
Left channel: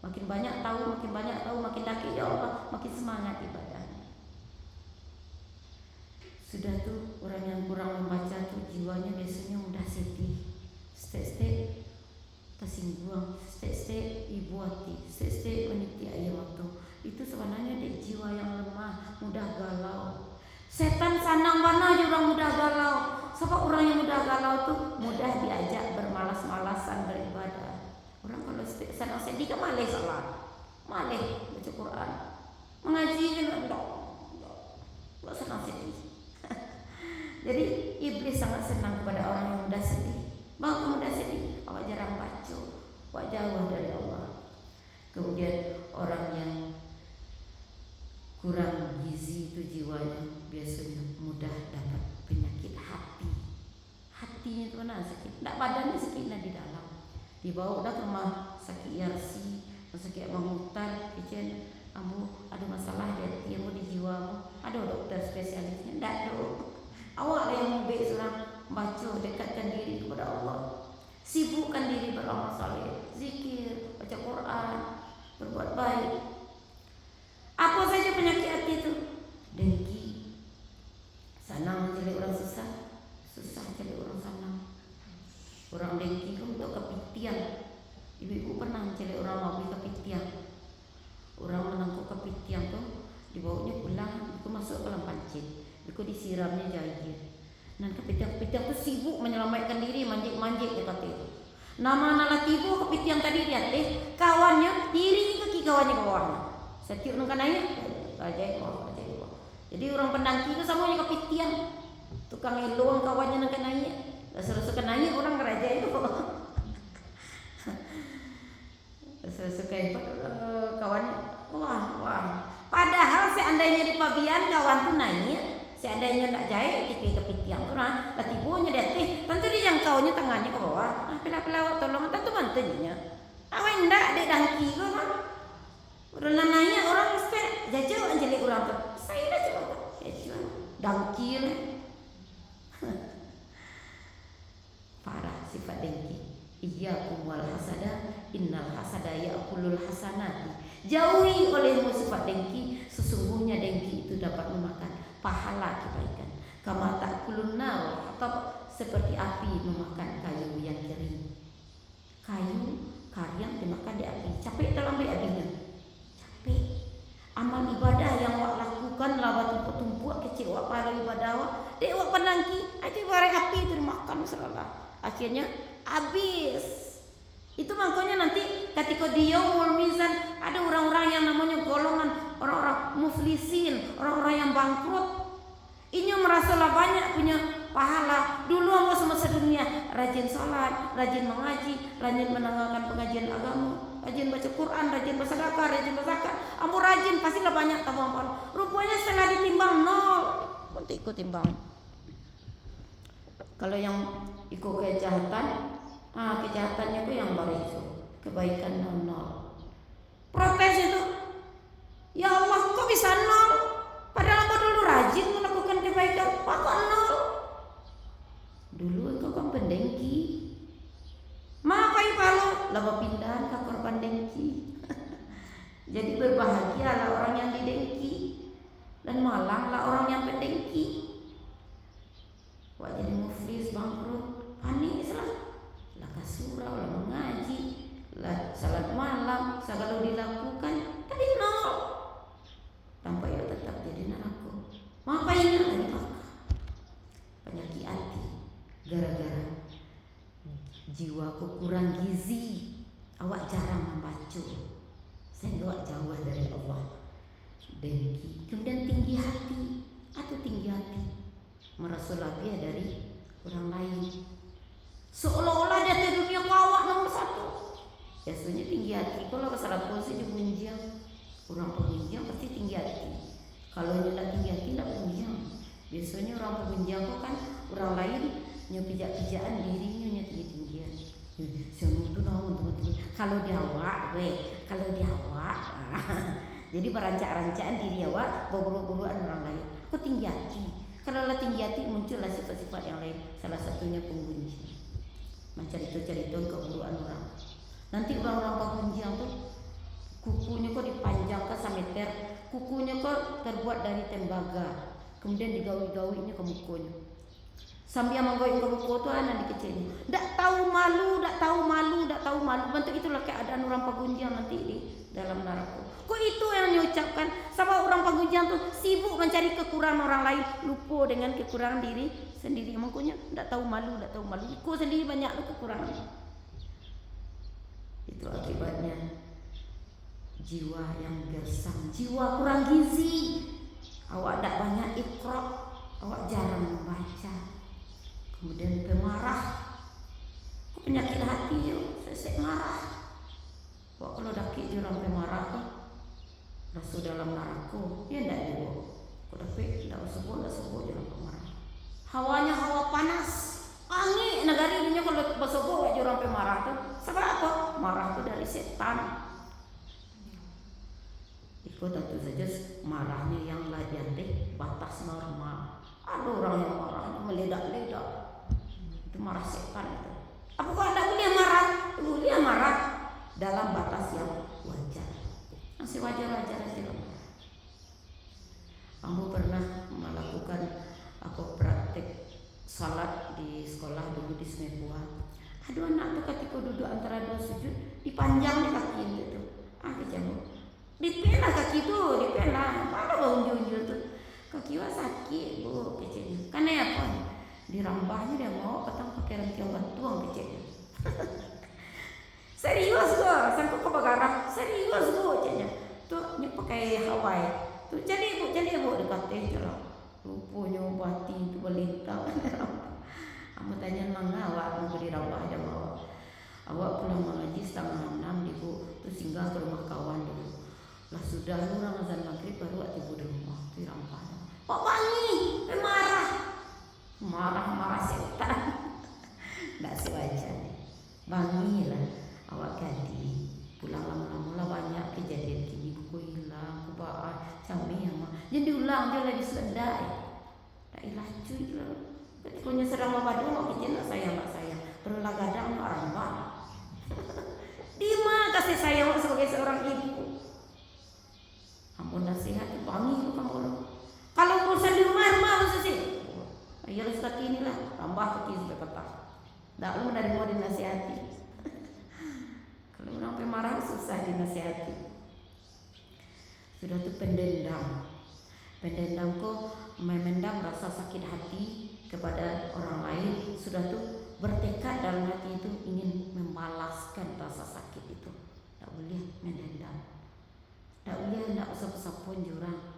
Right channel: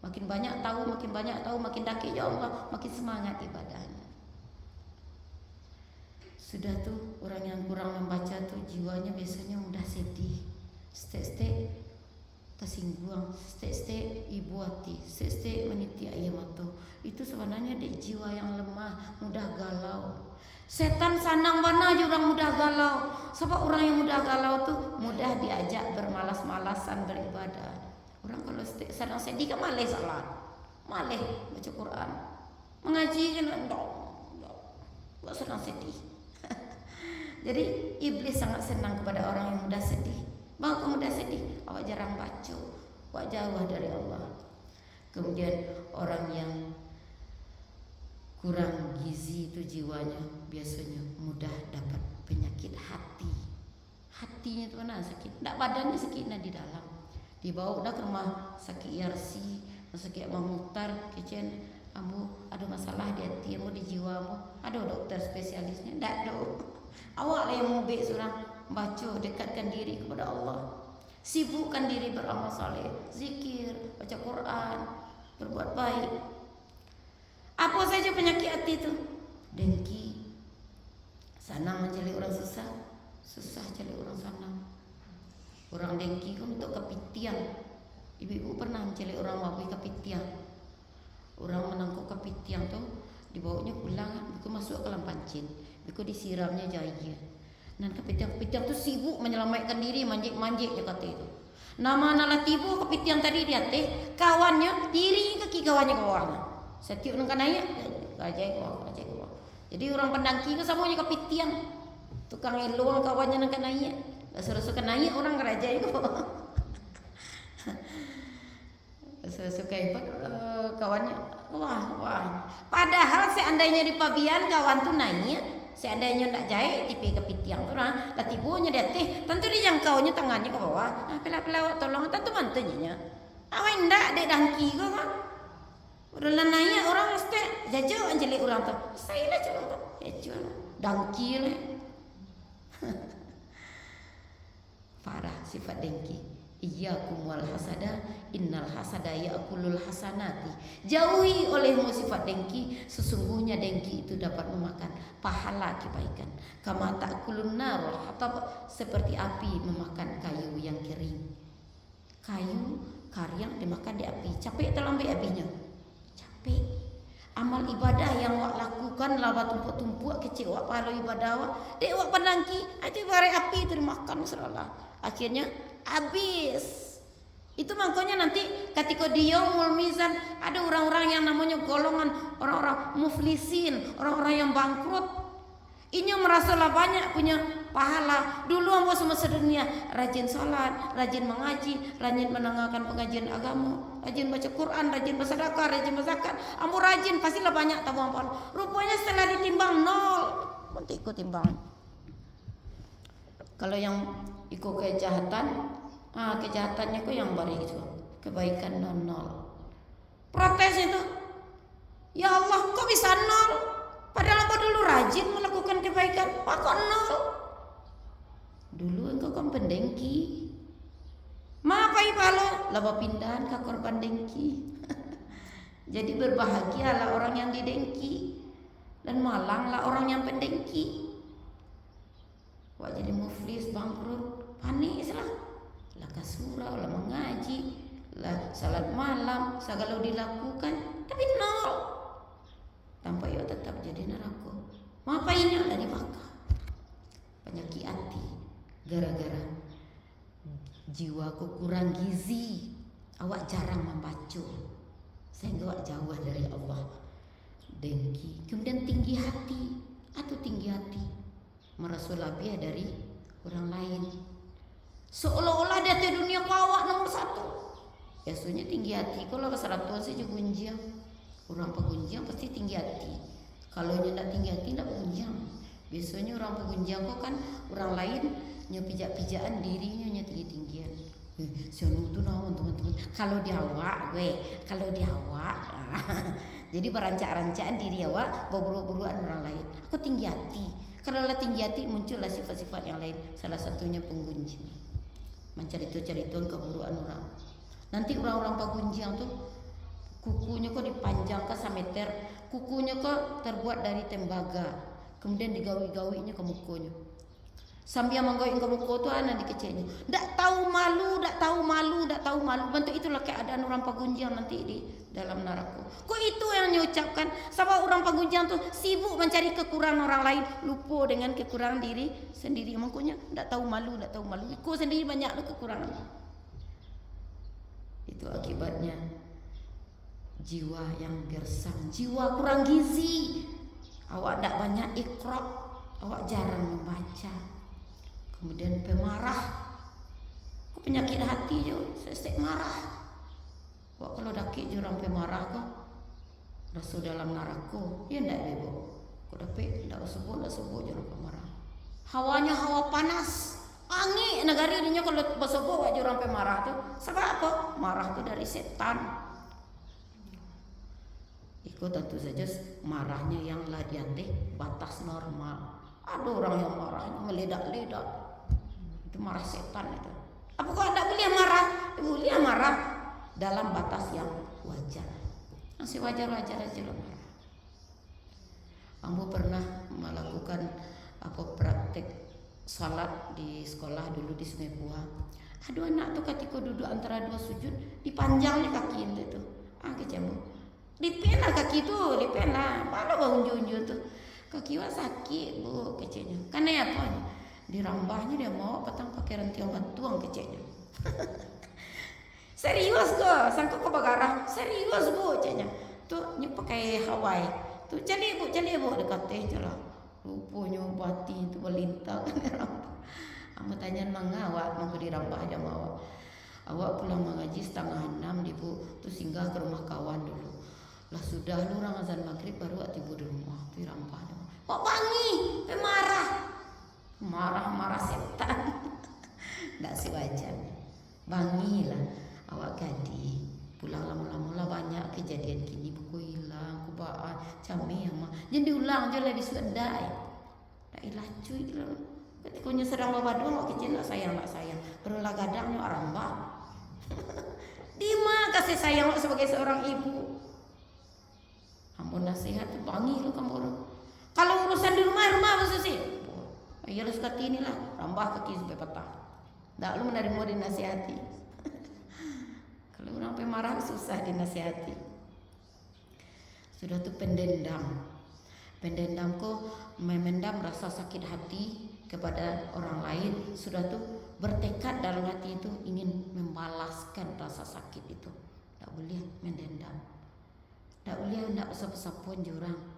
Makin banyak tahu, makin dakik ya Allah, makin semangat ibadah. Sudah tuh orang yang kurang membaca tuh jiwanya biasanya mudah sedih. Stek-stek tersinggung, stek-stek ibu hati, stek-stek meniti air mata. Itu sebenarnya dia jiwa yang lemah, mudah galau. Setan sanang mana juga mudah galau. Sebab orang yang mudah galau tuh mudah diajak bermalas-malasan beribadah. Orang kalau senang sedih kan malas salat, malas baca Quran, mengaji kan enggak senang sedih. Jadi iblis sangat senang kepada orang yang mudah sedih. Bahawa kamu mudah sedih, awak jarang baca, awak jauh dari Allah. Kemudian orang yang kurang gizi itu jiwanya biasanya mudah dapat penyakit hati. Hatinya itu mana sakit, tak badannya sakit di dalam. Dibawa dah ke rumah sakit Yarsi, sakit Mamutar, kecil kamu ada masalah di hati, kamu di jiwamu, ada dokter spesialisnya, tak ada. Awak lah yang mau seorang baca, dekatkan diri kepada Allah, sibukkan diri beramal saleh, zikir, baca Quran, berbuat baik. Apa saja penyakit hati itu? Dengki, sanang menjelek orang susah, susah jelek orang sanang. Orang dengki itu untuk kepitian. Ibu-ibu pernah menjelek orang wabi kepitian. Orang menangkap kepitian tuh dibawanya pulang, itu masuk ke dalam pancit, itu disiramnya jahit. Dan kepitian-kepitian itu sibuk menyelamatkan diri, manjik-manjik dia kata itu. Nama anak tibu kepitian tadi dia teh kawannya diri kaki kawannya ke bawah. Setiap orang naik, ajaib bawah. Jadi orang pendangki itu semuanya kepitian. Tukang eluang kawannya nak naik. Selesai naik orang geraja itu. Selesai itu kawannya wah. Padahal seandainya di pabian kawan tu naik, seandainya nak jahit di kepitian tu nah, tibunya dia teh tentu dijangkaunya tangannya ke bawah. Nah, pela-pela tolong tentu mantunya. Awak ndak dek dangki ke kan? Udah naik orang mesti jajah anjeli ulang tu. Saya dah coba. Jajah dangki le. Parah sifat dengki. Iyyakum wal hasada, innal hasada ya'kulul hasanati. Jauhi olehmu sifat dengki, sesungguhnya dengki itu dapat memakan pahala kebaikan. Kama ta'kulun nar, atau seperti api memakan kayu yang kering. Kayu karyang dimakan di api, capek terlambat apinya. Capek. Amal ibadah yang awak lakukan lawat tumpuk-tumpuk kecil wak pahala ibadah wak. Dek wak penangki, aja bare api termakan selalah. Akhirnya habis. Itu makanya nanti ketika dia mau mizan ada orang-orang yang namanya golongan orang-orang muflisin, orang-orang yang bangkrut. Ini merasalah banyak punya pahala. Dulu mau semua sedunia rajin sholat, rajin mengaji, rajin mendengarkan pengajian agama, rajin baca Quran, rajin bersedekah, rajin berzakat. Kamu rajin pastilah banyak tabung pahala. Rupanya setelah ditimbang nol. Nanti ikut timbang. Kalau yang ikut kejahatan, kejahatannya itu yang baru itu, kebaikan nol. Protes itu, ya Allah kok bisa nol? Padahal aku dulu rajin melakukan kebaikan, kok nol? Dulu engkau kan pendengki, makai pala, laba pindahan ke korban dengki. Jadi berbahagialah orang yang didengki, dan malanglah orang yang pendengki. Wah jadi muflis bangkrut, panik lah. Surau lah mengaji, lah salat malam, segala dilakukan, tapi nol. Tanpa ia tetap jadi neraka. Ngapain tadi maka? Penyakit hati, gara-gara jiwaku kurang gizi, awak jarang membaca, sehingga awak jauh dari Allah. Dengki, kemudian tinggi hati, atau tinggi hati, merasa lebih dari orang lain. Seolah-olah dia di dunia kawak nomor satu. Biasanya tinggi hati. Kalau ke 100 saja punjang. Orang pengunjang pasti tinggi hati. Kalau dia tak tinggi hati tak punjang. Biasanya orang pengunjang kok kan orang lain nyepijak-pijakan dirinya tinggi-tinggian. Siapa itu namun teman-teman. Kalau dia awak, kalau dia awak. Jadi perancak-rancaan diri awak, bawa-bawaan orang lain. Kok tinggi hati? Kalau lah tinggi hati muncullah sifat-sifat yang lain. Salah satunya pengunjang. Mencerita-cerita keburuan orang. Nanti orang-orang pengunjang tuh kukunya kok dipanjangkan semeter, kukunya kok terbuat dari tembaga, kemudian digawi-gawinya ke mukanya. Sambil menggawi ke muka tuh anak dikecilnya. Tak tahu malu. Bentuk itulah keadaan orang pengunjang nanti di dalam neraka. Kok itu yang diucapkan? Sama orang pengunjang tuh sibuk mencari kekurangan orang lain, lupa dengan kekurangan diri sendiri. Makanya tak tahu malu. Kau sendiri banyak kekurangan. Itu akibatnya jiwa yang gersang, jiwa kurang gizi. Awak tak banyak ikrab, awak jarang membaca. Kemudian pemarah, penyakit hati je, sesek marah. Wak kalau dakik je orang pemarah kan, rasa dalam neraka, ya ndak dia. Kau dapat ndak sebut je orang pemarah. Hawanya hawa panas, angin negari dunia kalau bersebut je orang pemarah tu. Sebab apa? Marah tu dari setan. Ikut tentu saja marahnya yang lagi batas normal. Ada orang yang marahnya meledak-ledak. Itu marah setan itu. Apakah anda boleh marah? Boleh marah dalam batas yang wajar. Masih wajar-wajar aja loh. Kamu pernah melakukan praktek salat di sekolah dulu di Sungai Buah? Ada anak tuh ketika duduk antara dua sujud dipanjang di kaki itu. Kejamuk. Dipena kaki tuh, dipena. Mana bau unju-unju tuh? Kaki wah sakit bu kecilnya. Karena ya apa? Dirambahnya dia mau ketang pakai rentian tuang kecilnya. Serius gua, sangka kau bagarang. Serius gua kecilnya. Tuh ni pakai Hawaii. Tuh cari bu dekat teh jelah. Rupanya bati itu melintang. Kamu tanya mangga awak mau dirambah aja mau. Awak pulang mengaji 5:30 ibu. Tuh singgah ke rumah kawan dulu. Lah sudah lu azan maghrib baru tiba di rumah. Dirambah. Kok wangi? Marah setan. Tak sewajar. Bangi lah awak ganti. Pulang lama-lama banyak kejadian gini. Buku hilang, kubaan, cami yang jadi ulang je lagi sedai. Tak ilah cuy lah. Ketikanya sedang babadu awak kecil lah sayang. Berulah gadang arambang. Di mana kasih sayang awak sebagai seorang ibu? Kamu nasihat bangi lu kamu. Kalau urusan di rumah lu sih. Ya harus kaki inilah, tambah kaki sampai petang. Tak lu dari mau dinasihati. Kalau orang pemarah susah dinasihati. Sudah tuh pendendam Pendendam kok memendam rasa sakit hati kepada orang lain, sudah tuh bertekad dalam hati itu ingin membalaskan rasa sakit itu. Tak boleh mendendam, tak boleh hendak sapa-sapa jurang.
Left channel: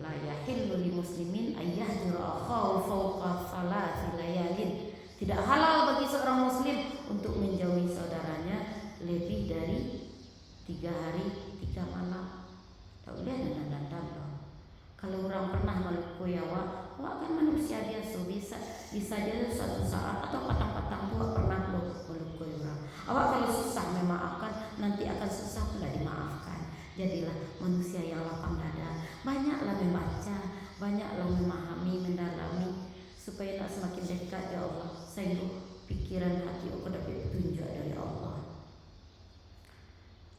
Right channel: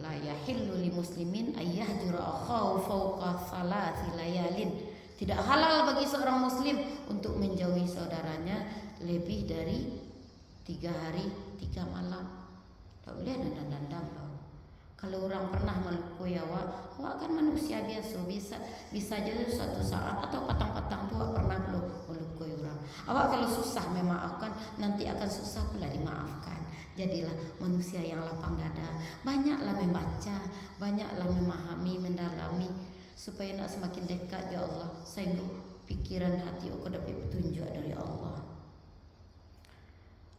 La yahillu li muslimin ayyahjura akhahu fawqa thalathi layalin. Tidak halal bagi seorang muslim untuk menjauhi saudaranya lebih dari 3 hari 3 malam. Tak boleh dendam. Kalau orang pernah melukui awak kan manusia biasa, bisa jadi suatu saat atau kadang-kadang tua pernah melukui orang. Awak kalau susah memaafkan, nanti akan susah pula dimaafkan. Jadilah manusia yang lapang dada, banyaklah membaca, banyaklah memahami, mendalami, supaya nak semakin dekat ya Allah, sehingga pikiran hati aku dapat petunjuk dari Allah.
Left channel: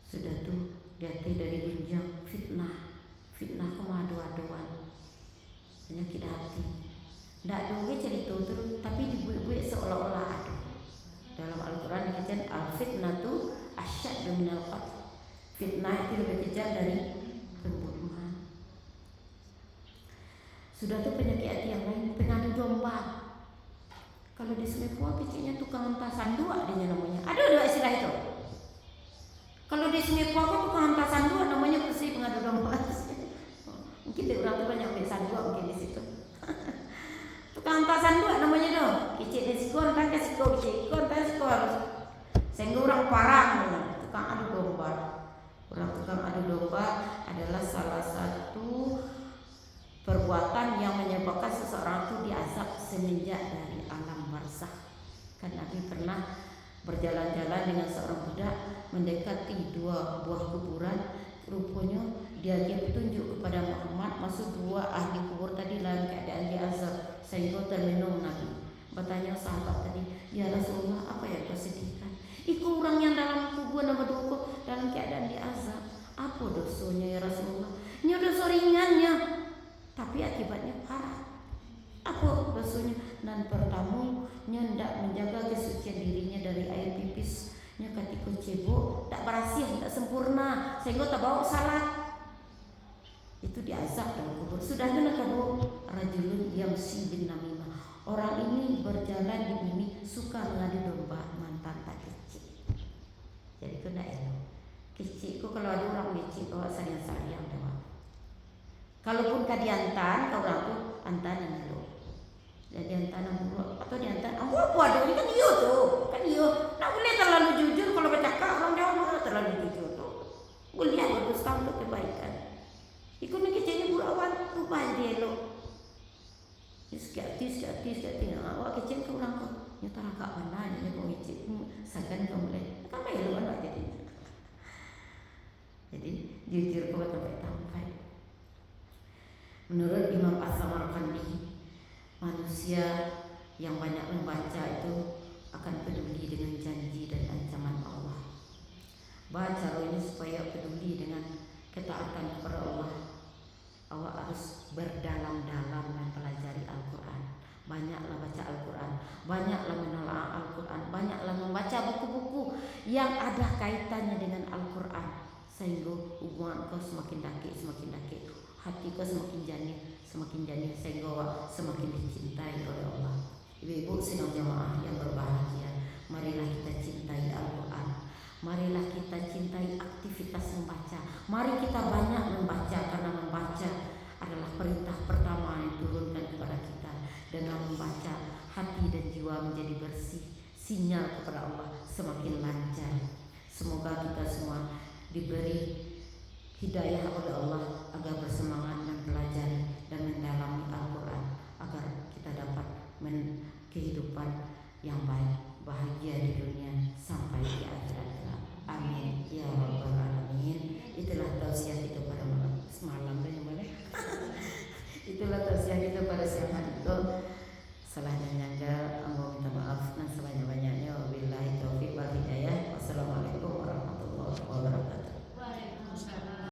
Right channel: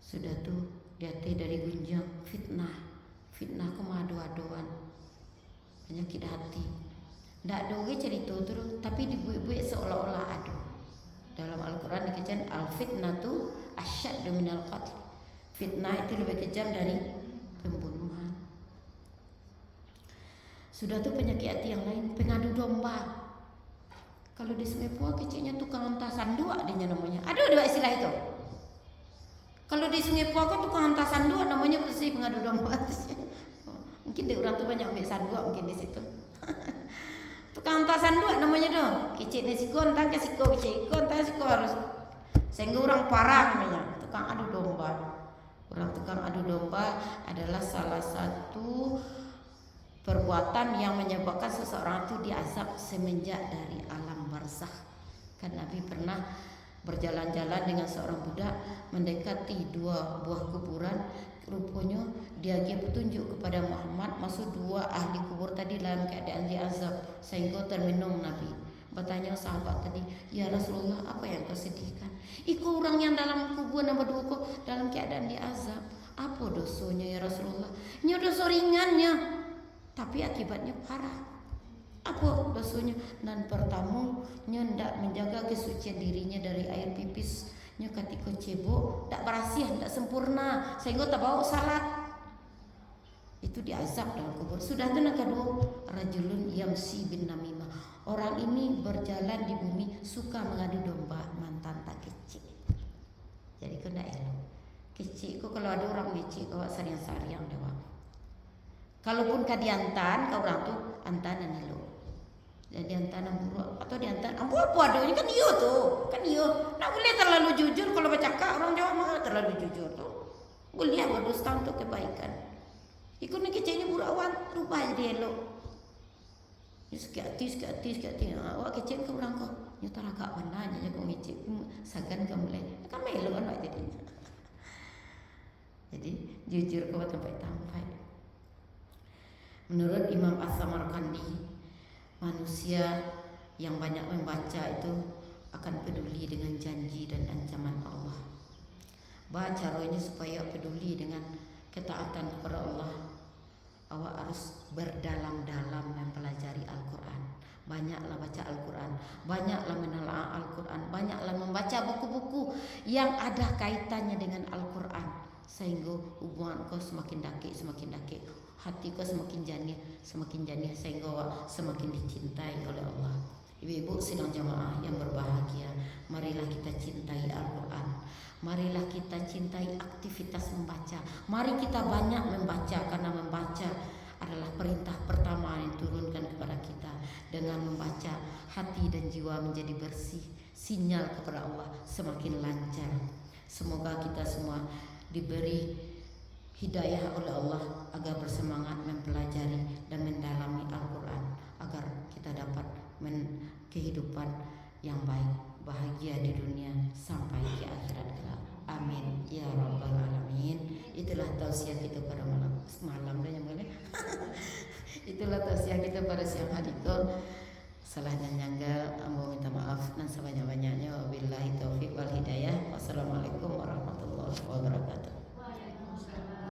Sudah tu diati dari gunjang fitnah kemadu-aduan, penyakit hati. Ndak ada orang cerita terus, tapi dibuat-buat seolah-olah ada. Dalam Al-Quran dikatakan al-fitnatu asyaddu minal qatl. Fitnah itu lebih kejam dari pembunuhan. Sudah tu penyakit hati yang lain, pengadu domba. Kalau di Sungai kecilnya tukang entasan dua dia namanya. Ada istilah itu. Kalau di Sungai kan tukang entasan dua namanya bersih pengadu domba. Mungkin di orang tu banyak ambil dua mungkin di situ. Tukang entasan dua namanya dong. Kecil ni sikon tang kasiko kecil, sikon tang sikon harus. Sehingga orang parah namanya tukang adu domba. Orang tukang adu domba adalah salah satu perbuatan yang menyebabkan seseorang itu diazab semenjak dari alam barzakh. Kan Nabi pernah berjalan-jalan dengan seorang budak mendekati 2 buah kuburan. Rupanya dia petunjuk kepada Muhammad masuk 2 ahli kubur tadi dalam keadaan diazab, sehingga termenung Nabi. Bertanya sahabat tadi, ya Rasulullah, apa yang kau sedihkan? Iku orang yang dalam kubur nomor 2 dalam keadaan diazab. Apa dosanya ya Rasulullah? Nya dosa ringannya, tapi akibatnya parah. Apa dosanya? Dan pertama, nya hendak menjaga kesucian dirinya dari air pipis. Nya ketika cebok tak bersih, tak sempurna, sehingga tak bawa salat. Itu diazab dalam kubur. Sudah tu nak kedua, rajulun yamsi bin namimah. Orang ini berjalan di bumi suka mengadu domba mantan tak kecil. Jadi kena elok. Kecil kau kalau ada orang kecil kau sariang-sariang dah. Kalaupun kau diantar, kau orang tu antaran elok. Jadi antara buruk atau diantara apa ada ini kan dia tu, kan dia. Tak boleh terlalu jujur kalau bercakap orang Jawa mah terlalu jujur tu. Boleh berdusta untuk kebaikan. Ikut ni kecilnya buruk awan lupa jadi elok. Sikit awak kecil ke orang kau. Nya tak agak mana nya kau kecil. Sakan kau boleh. Kan elok kan jadi. Jadi jujur kau sampai. Menurut Imam As-Samarqandi, manusia yang banyak membaca itu akan peduli dengan janji dan ancaman Allah. Baca ini supaya peduli dengan ketaatan kepada Allah. Awak harus berdalam-dalam mempelajari Al-Quran. Banyaklah baca Al-Quran, banyaklah menelaah Al-Quran, banyaklah membaca buku-buku yang ada kaitannya dengan Al-Quran, sehingga hubungan kau semakin dakik, hati kau semakin janih, sehingga semakin dicintai oleh Allah. Ibu-ibu sidang jemaah yang berbahagia, marilah kita cintai Al-Quran, marilah kita cintai aktivitas membaca. Mari kita banyak membaca, karena membaca adalah perintah pertama yang turunkan kepada kita. Dengan membaca, hati dan jiwa menjadi bersih, sinyal kepada Allah semakin lancar. Semoga kita semua diberi hidayah oleh Allah agar bersemangat mempelajari dan mendalami Al-Quran, agar kita dapat kehidupan yang baik, bahagia.